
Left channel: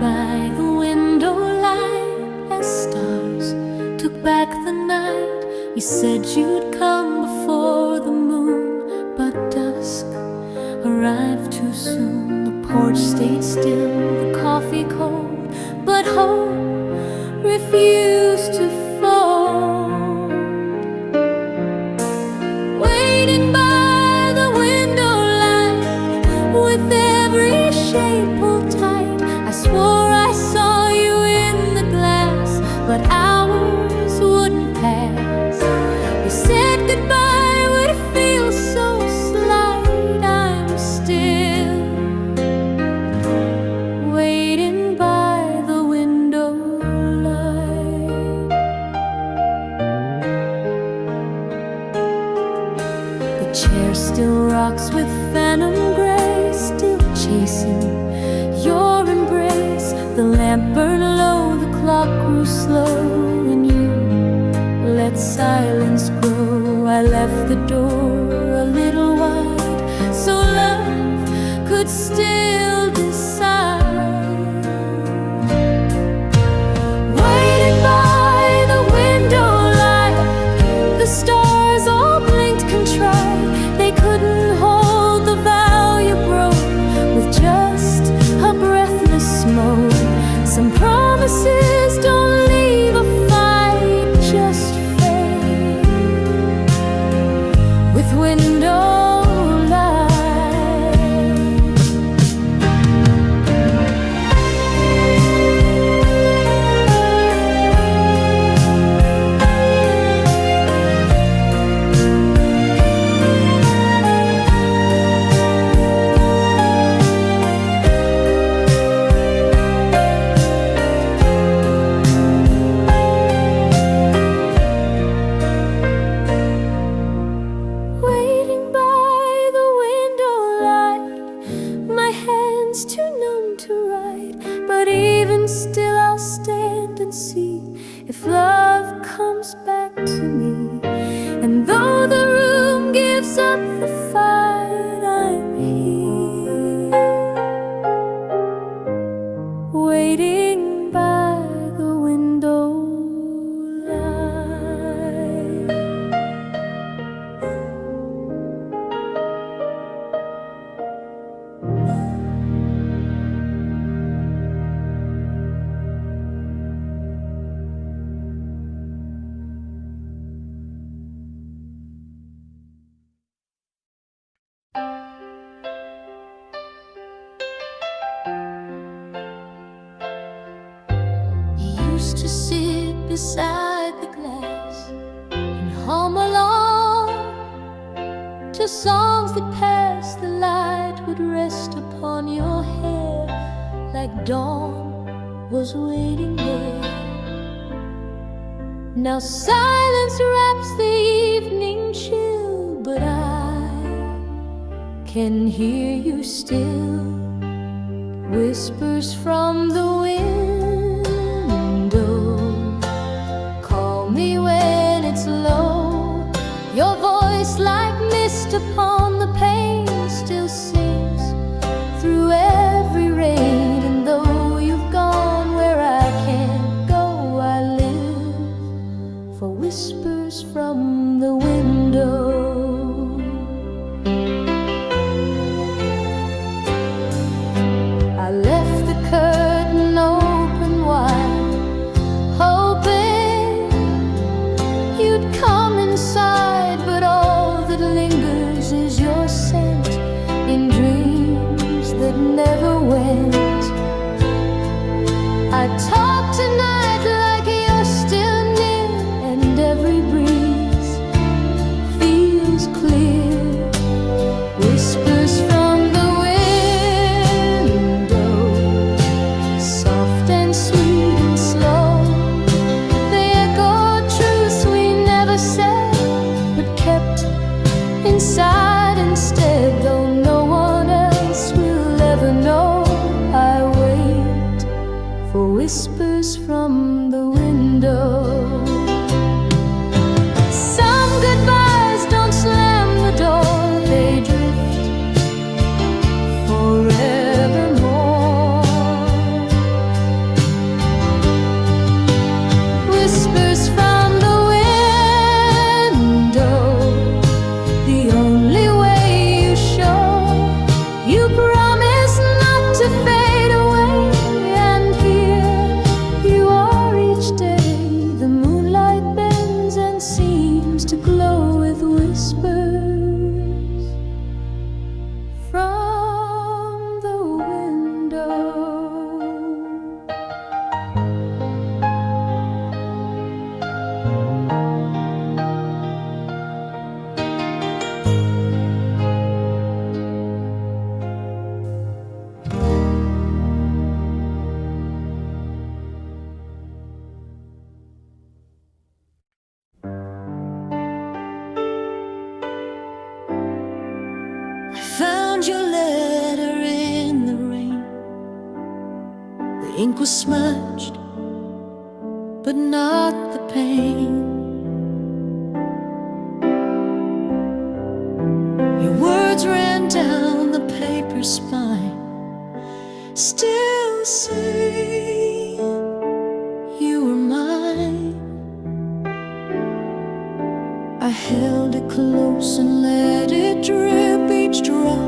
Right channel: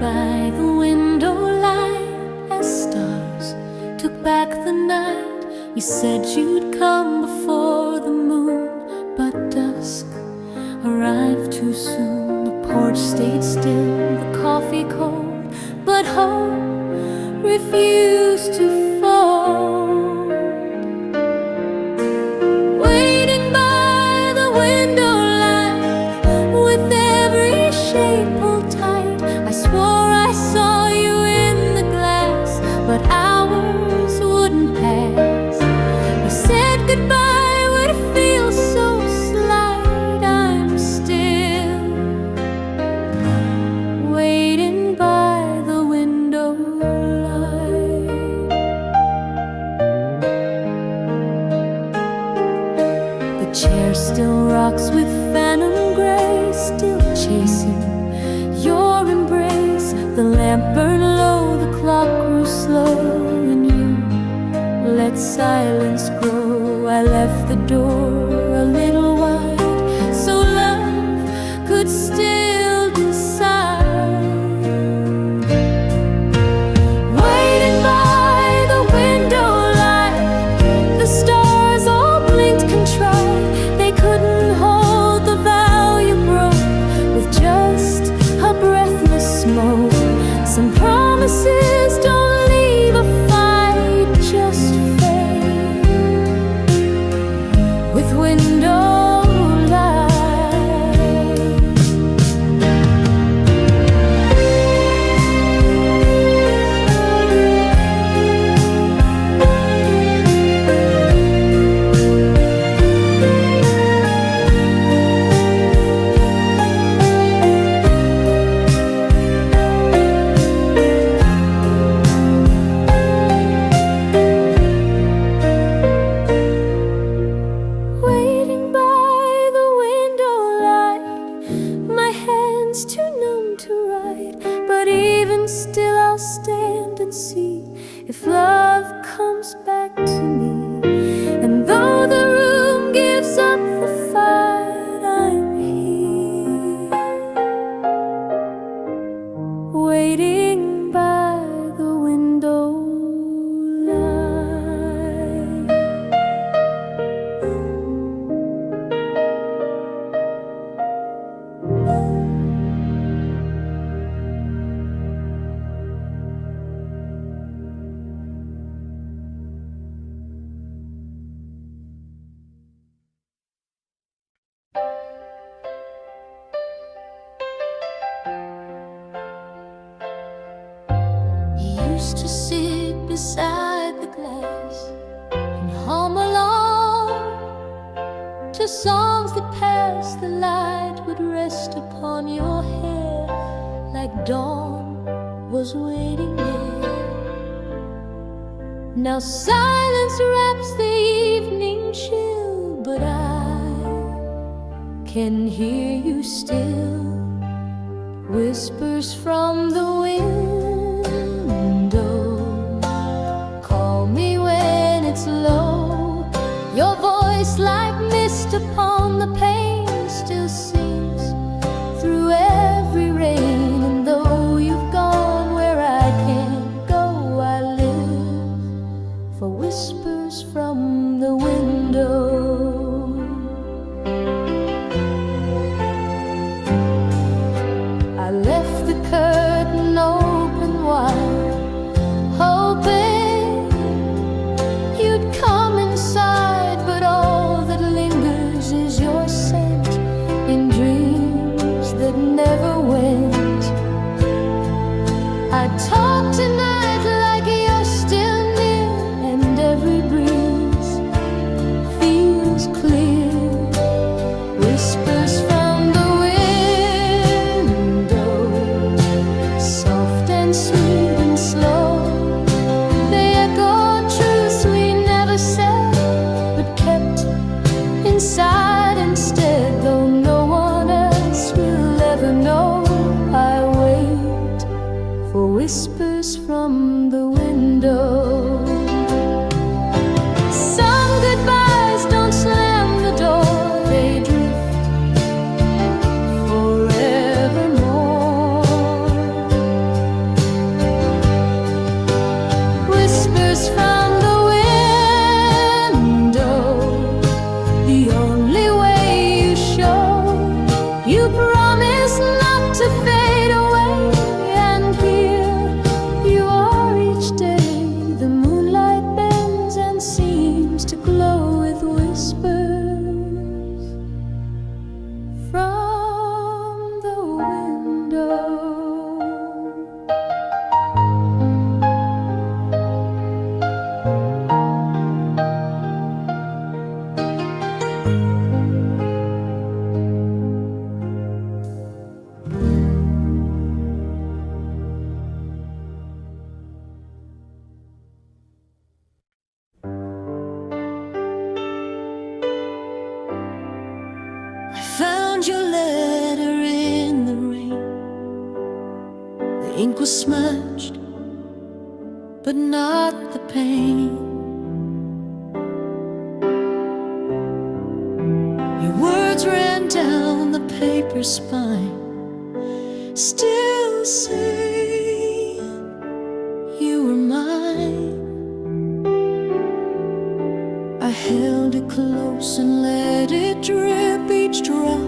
By the window light as stars took back the night. You said you'd come before the moon, but dusk arrived too soon. The porch stayed still, the coffee cold, but hope refused to fold. Waiting by the window light with every shade pulled tight, I swore I saw you in the glass, but hours wouldn't pass. You said goodbye would feel so slight. I'm still waiting by the window light. The chair still rocks with phantom grace, still chasing your embrace. The lamp burned low, the clock grew slow, and you let silence grow. I left the door a little wide so love could still decide. Waiting by the window light, the stars all blinked contrite. They couldn't hold the vow you broke with just a breathless smoke. Some promises don't leave a fight, just fade with window light. but even still I'll stand and see if love comes back to me. And though the room gives up the fight, I'm here, waiting by the window light. Used to sit beside the glass and hum along to songs that passed. The light would rest upon your hair like dawn was waiting there. Now silence wraps the evening chill, but I can hear you still. Whispers from the window call me when it's low. Your voice like mist upon the pane still sings through every rain. And though you've gone where I can't go, I live for whispers from the window. I left the curtain open wide, hoping you'd come inside. But all that lingers is your scent in dreams that never went. I talk tonight like you're still near, and every breeze feels clear. Whispers from the inside instead, though no one else will ever know. I wait for whispers from the window. Some goodbyes don't slam the door, they drift forevermore. Whispers from the fade away, and here you are each day. The moonlight bends and seems to glow with whispers from the window. Found your letter in the rain. The ink was smudged, but not the pain. Your words ran down the paper spine, still saying you were mine. I held it close and let it drip, each drop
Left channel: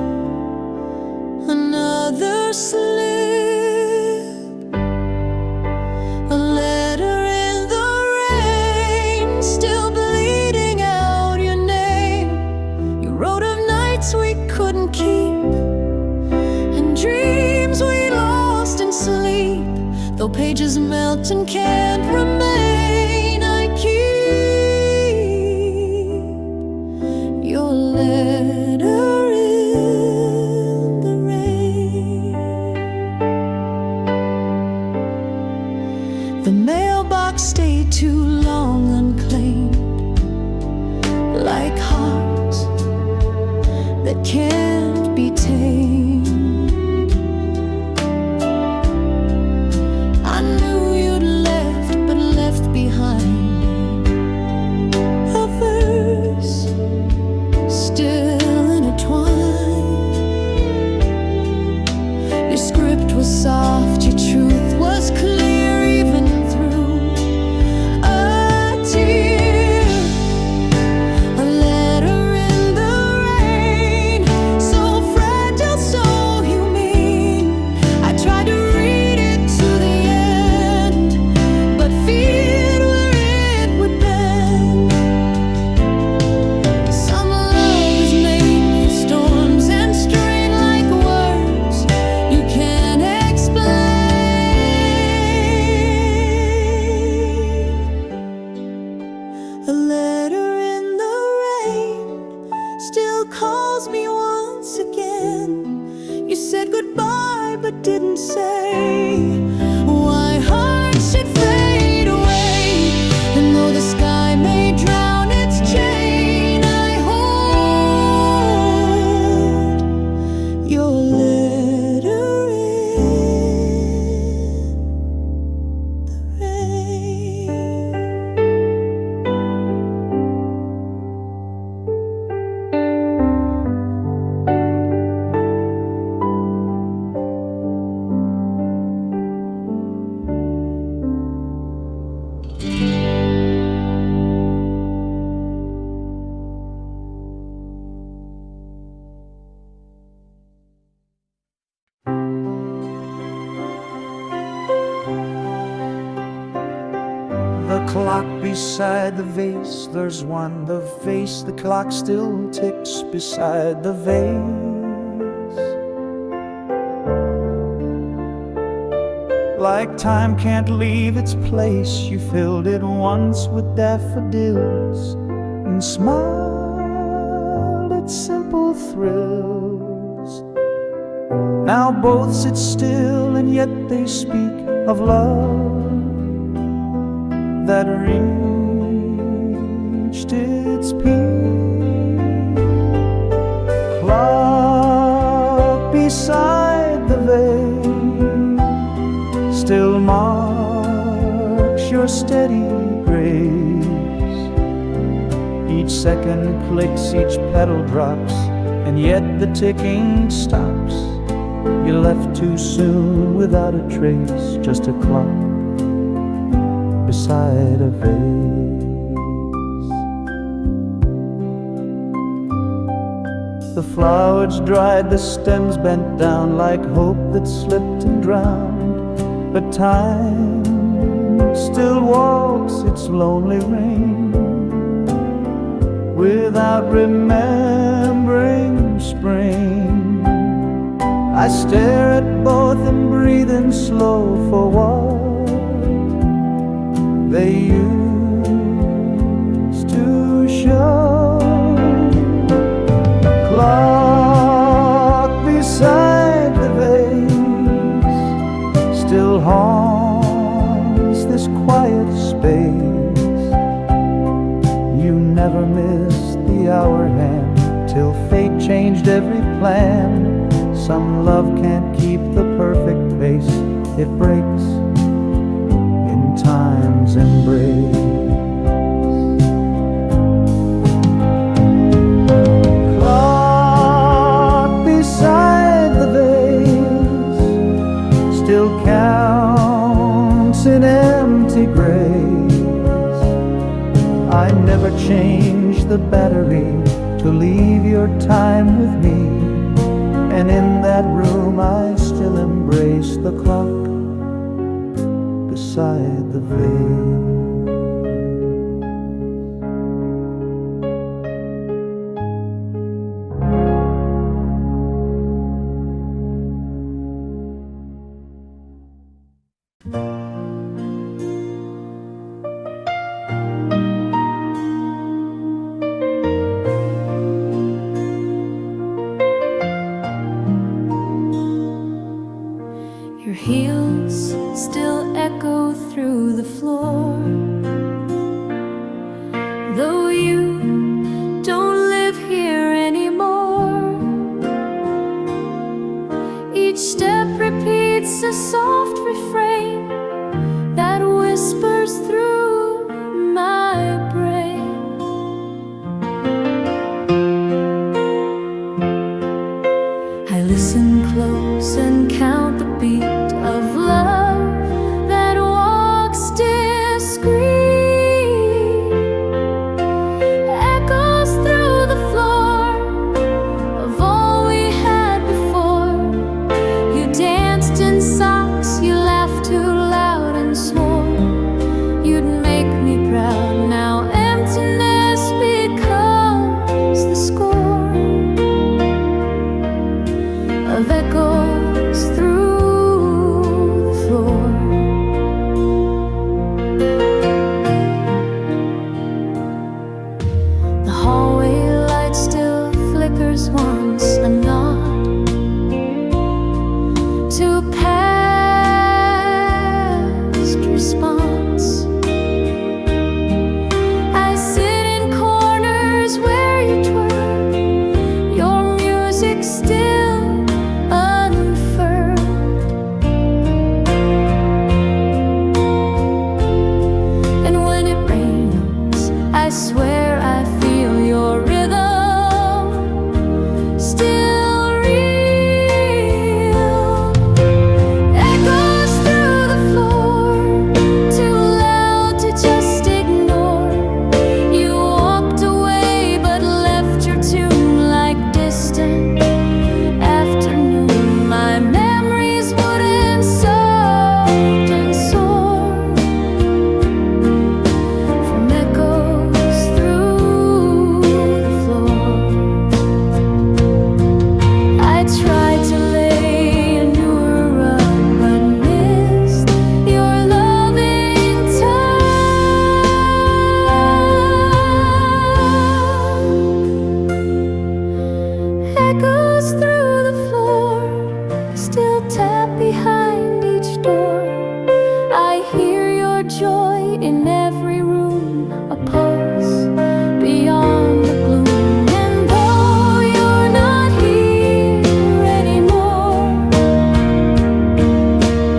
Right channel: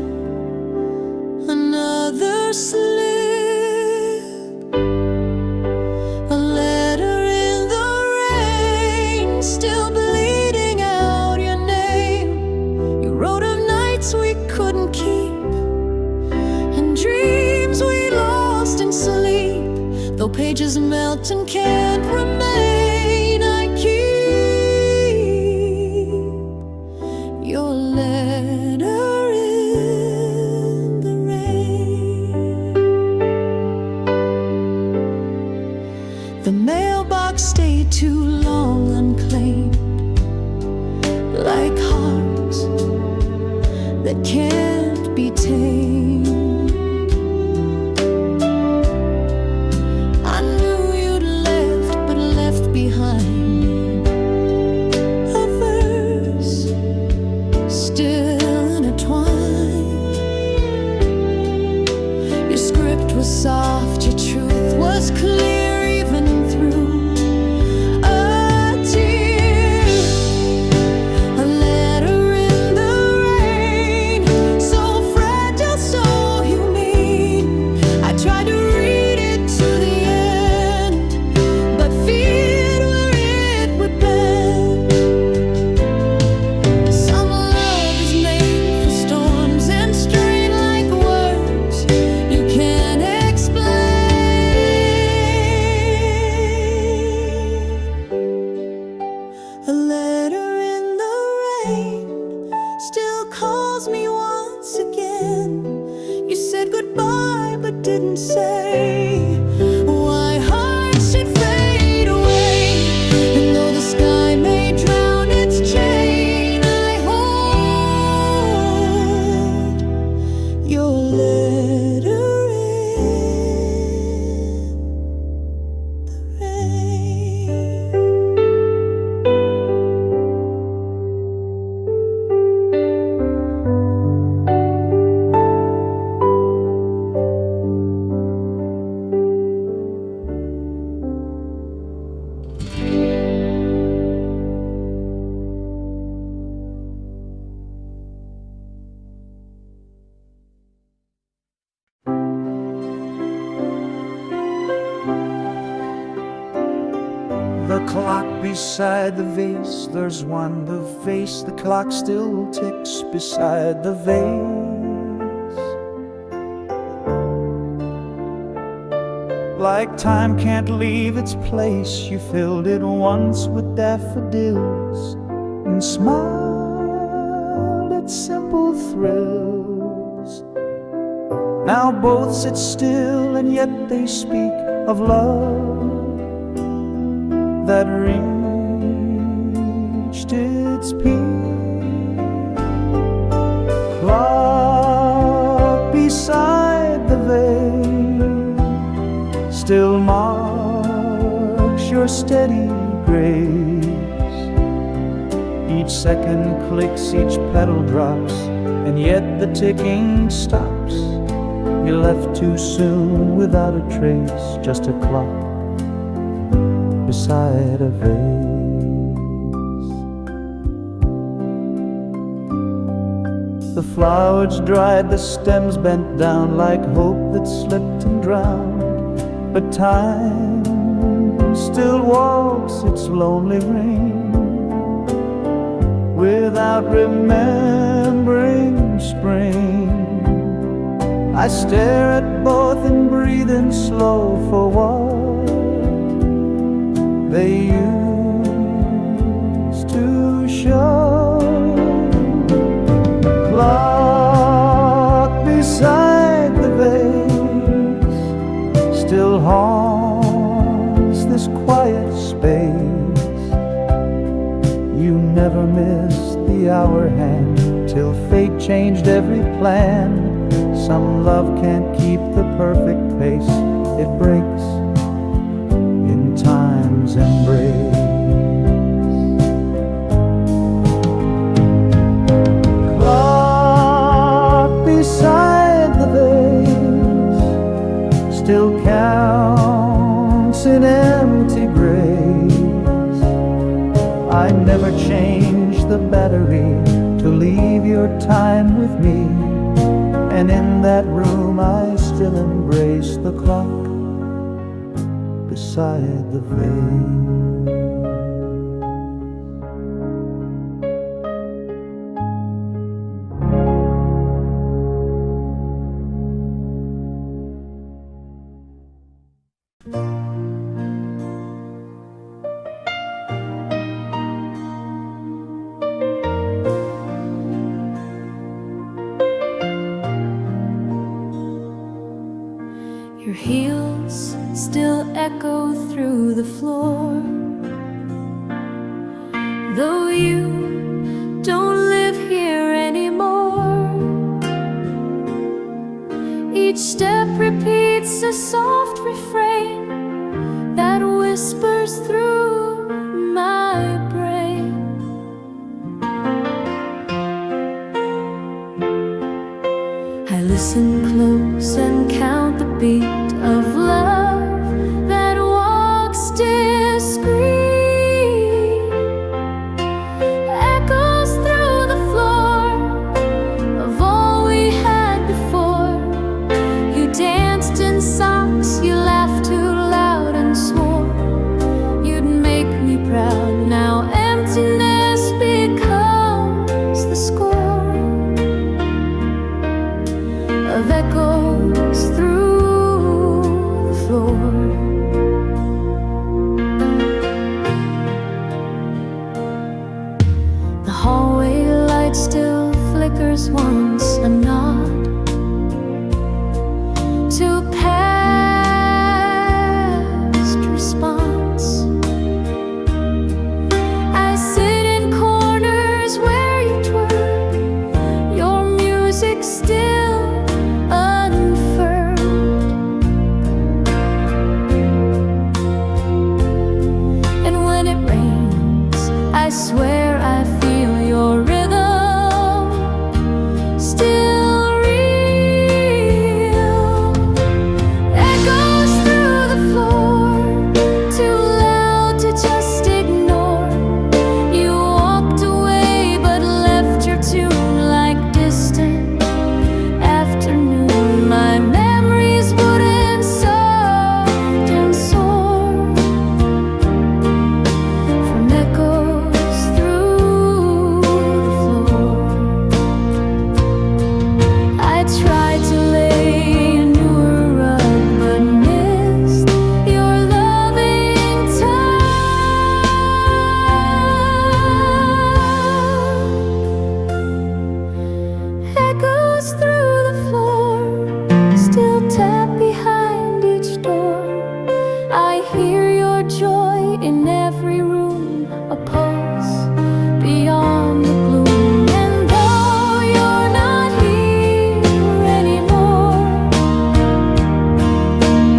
another slip. A letter in the rain, still bleeding out your name. You wrote of nights we couldn't keep, and dreams we lost in sleep. Though pages melt and can't remain, I keep your letter in the rain. The mailbox stayed too long unclaimed, like hearts that can't be tamed. heart was soft, your truth was clear even through a tear. A letter in the rain, so fragile, so humane. I tried to read it to the end, but feared where it would bend. Some love is made for storms and strain like words you can't explain. A letter in the rain still calls me once again. You said goodbye but didn't say why hearts should fade away. And though the sky may drown its chain, I hold your letter in the rain. The clock beside the vase, there's one. The vase, the clock still ticks beside the vase. Like time can't leave its place, you filled it once with daffodils and smiled at simple thrills. Now both sit still and yet they speak of love that reached its peak. Clock beside the vase still marks your steady grace. Each second clicks, each petal drops, and yet the ticking stops. You left too soon without a trace, just a clock beside a vase. The flowers dried, the stems bent down like hope that slipped and drowned. But time still walks its lonely reign without remembering spring. I stare at both and breathe in slow for what they used to show. Clock beside the vase still haunts this quiet space. You never missed the hour hand till fate changed every plan. Some love can't keep the perfect pace, it breaks in time's embrace. Clock beside the vase still counts in empty grace. I never changed the battery to leave your time with me, and in that room I still embrace the clock beside the vase. Your heels still echo through the floor, though you don't live here anymore. Each step repeats a soft refrain that whispers through my brain. I listen close and count the heartbeat of love that walks discreet, echoes through the floor of all we had before. You danced in socks, you laughed too loud and swore you'd make me proud. Now emptiness becomes the score of echoes through the floor. The hallway light still flickers once, a nod to past response. I sit in corners where you twirl, your music still unfurled. And when it rains, I swear I feel your rhythm still real. Echoes through the floor, too loud to just ignore. You walked away but left your tune like distant afternoon. My memories wooden, soft and sore from echoes through the floor. I tried to lay a newer rug but missed your loving tug. Echoes through the floor, still tap behind each door. I hear your joy in every room, a pulse beyond the gloom. And though you're not here anymore,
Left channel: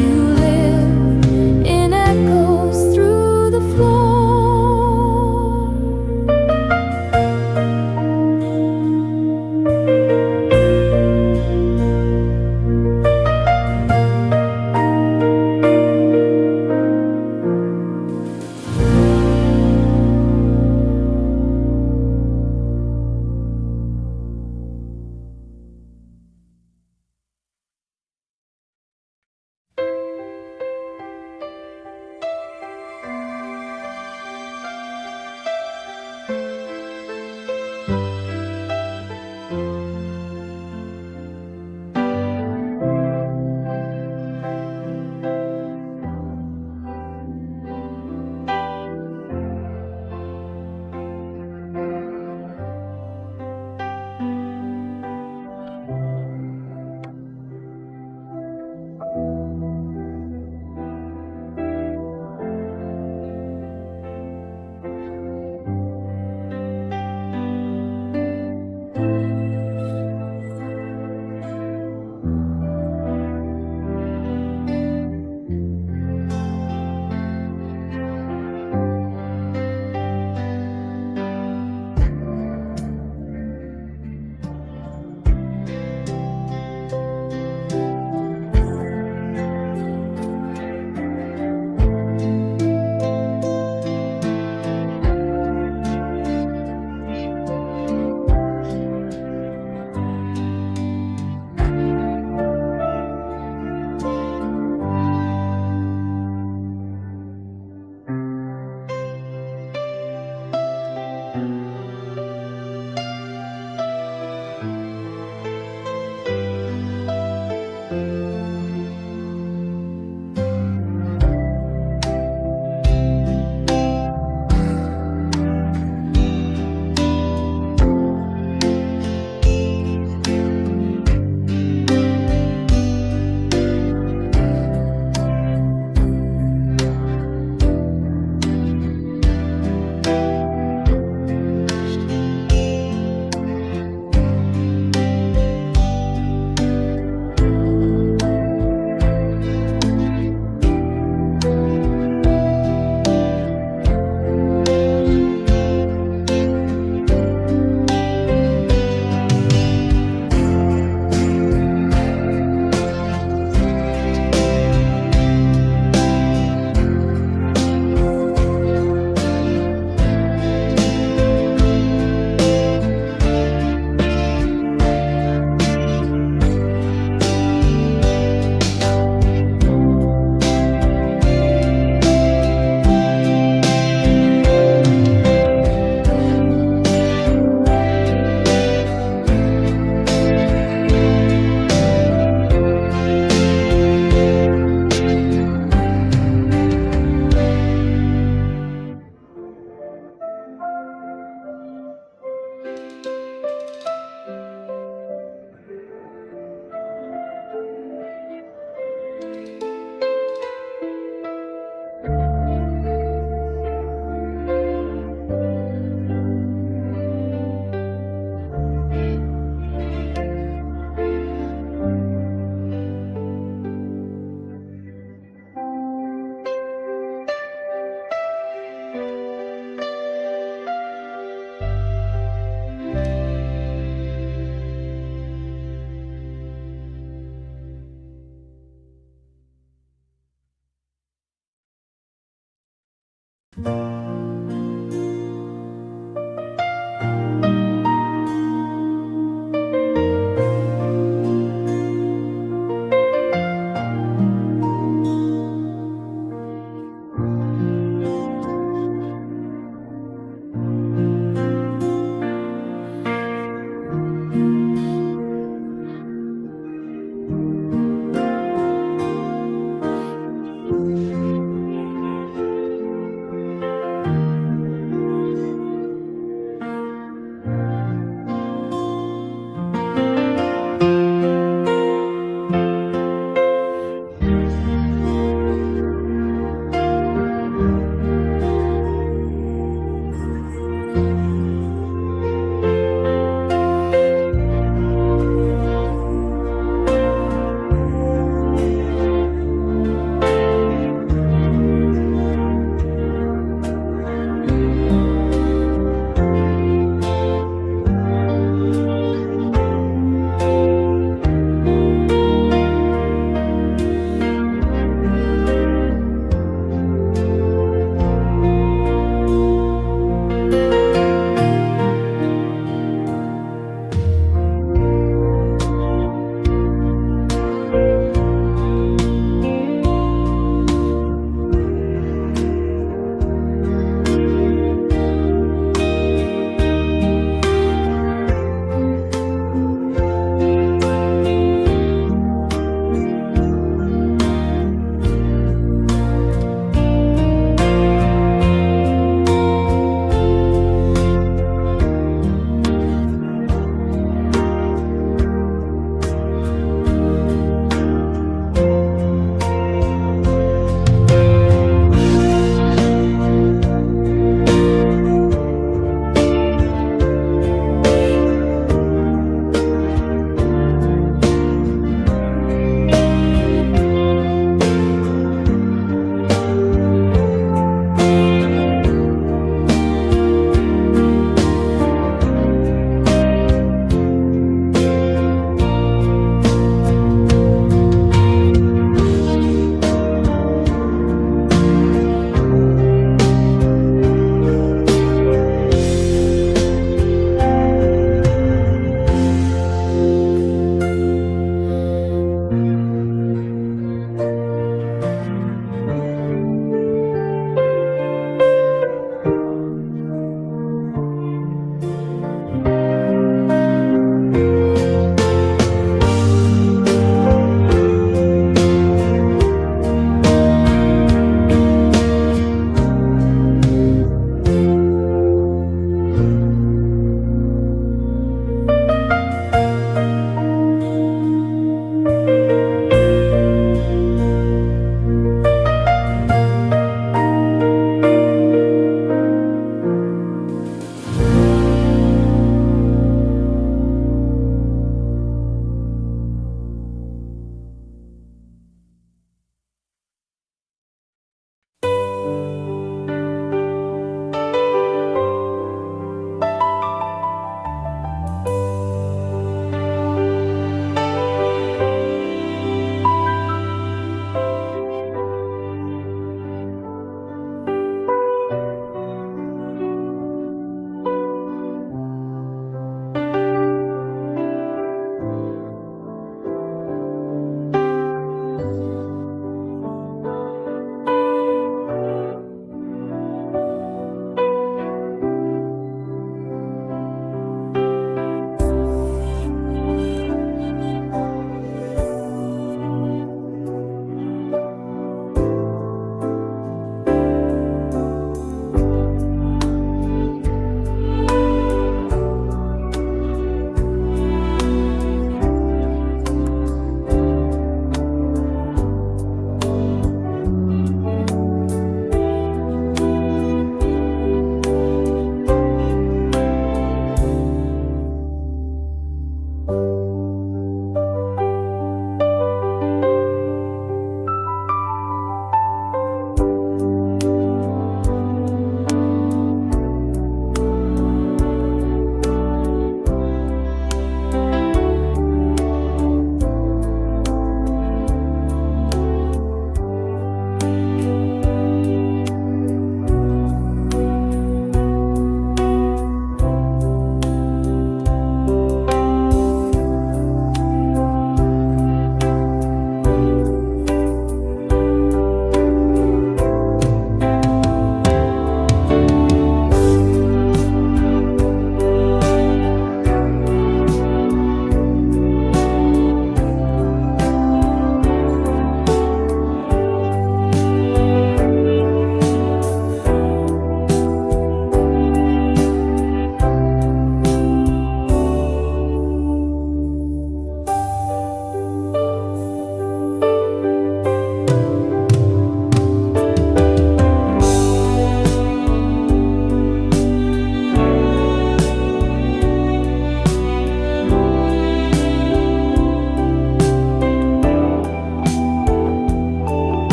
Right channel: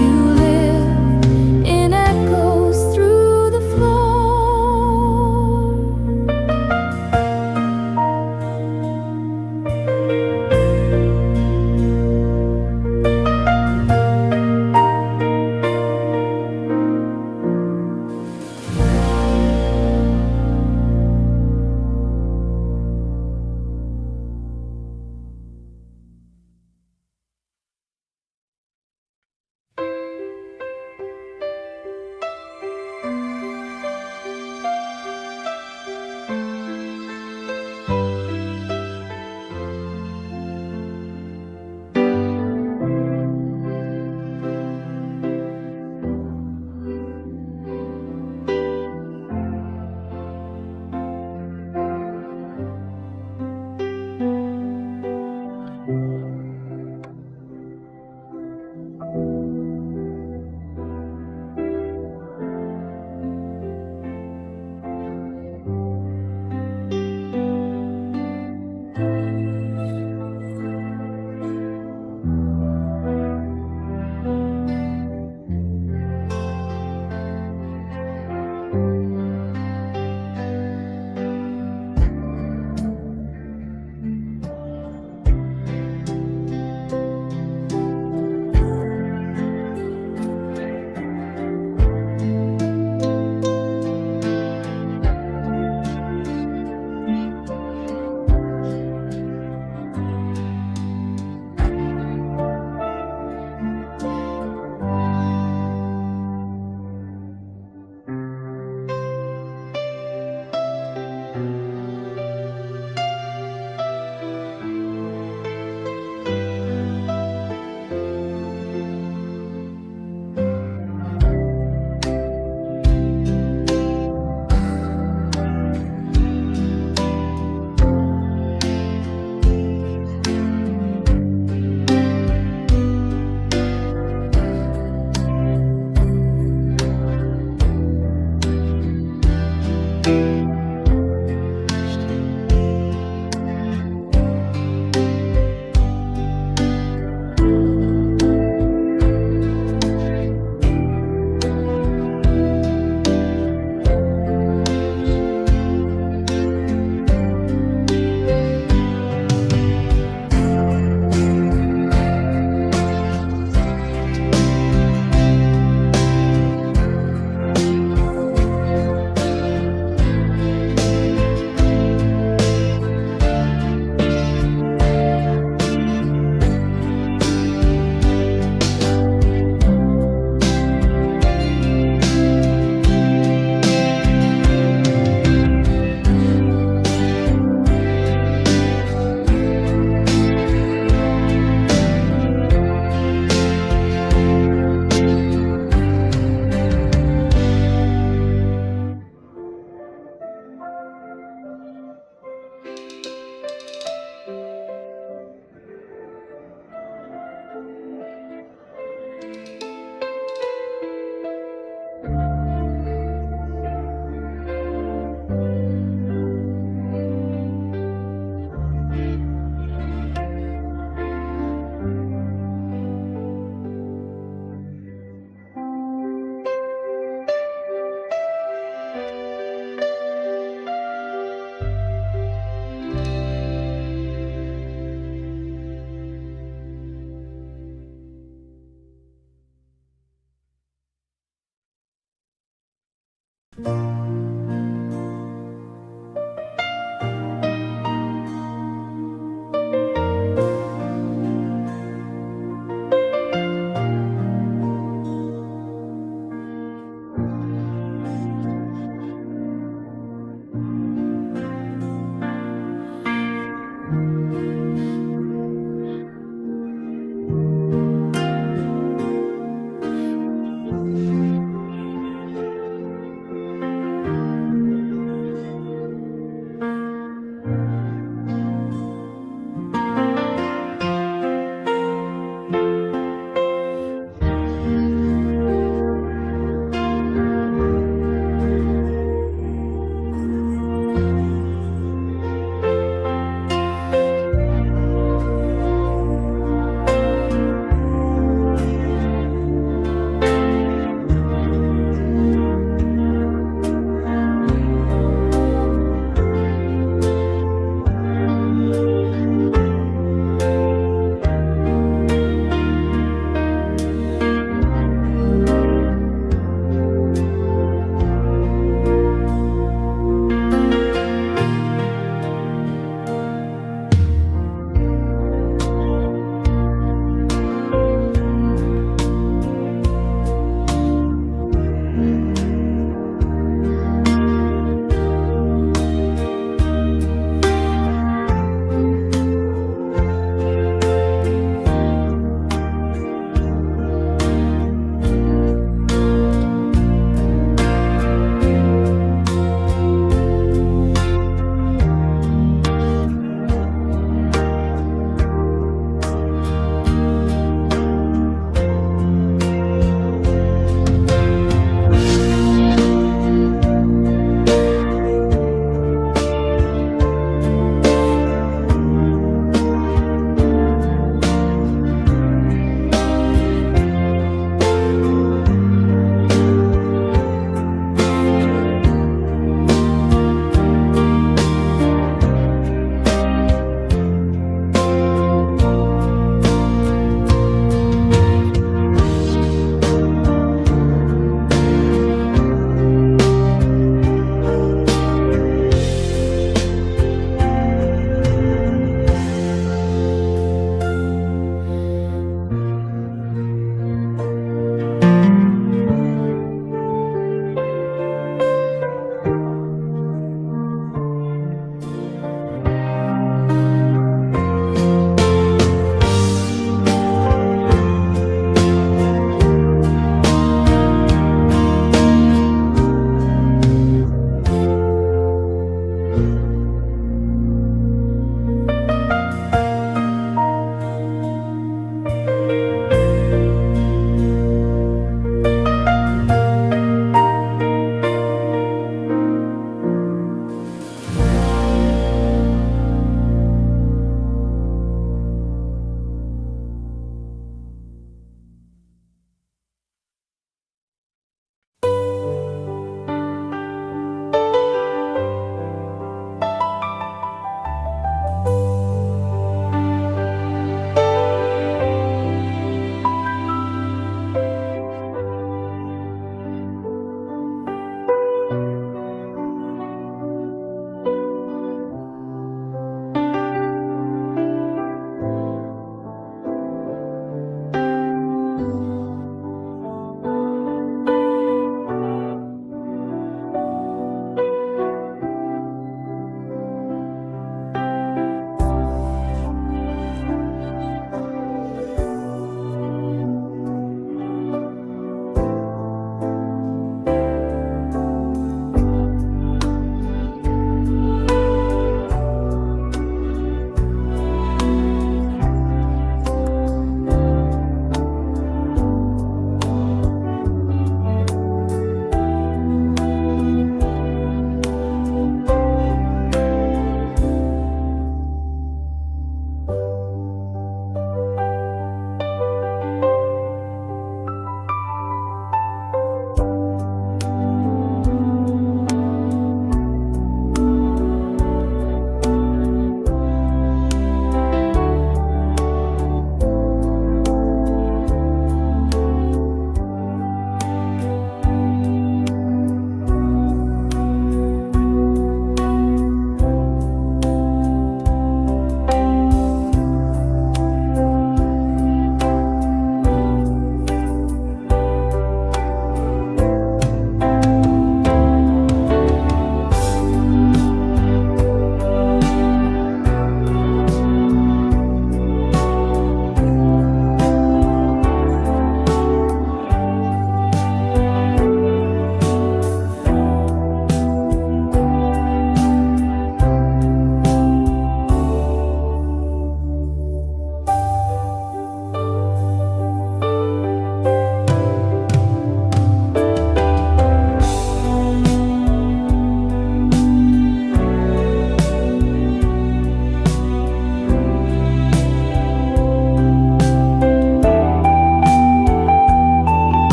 you live in echoes through the floor.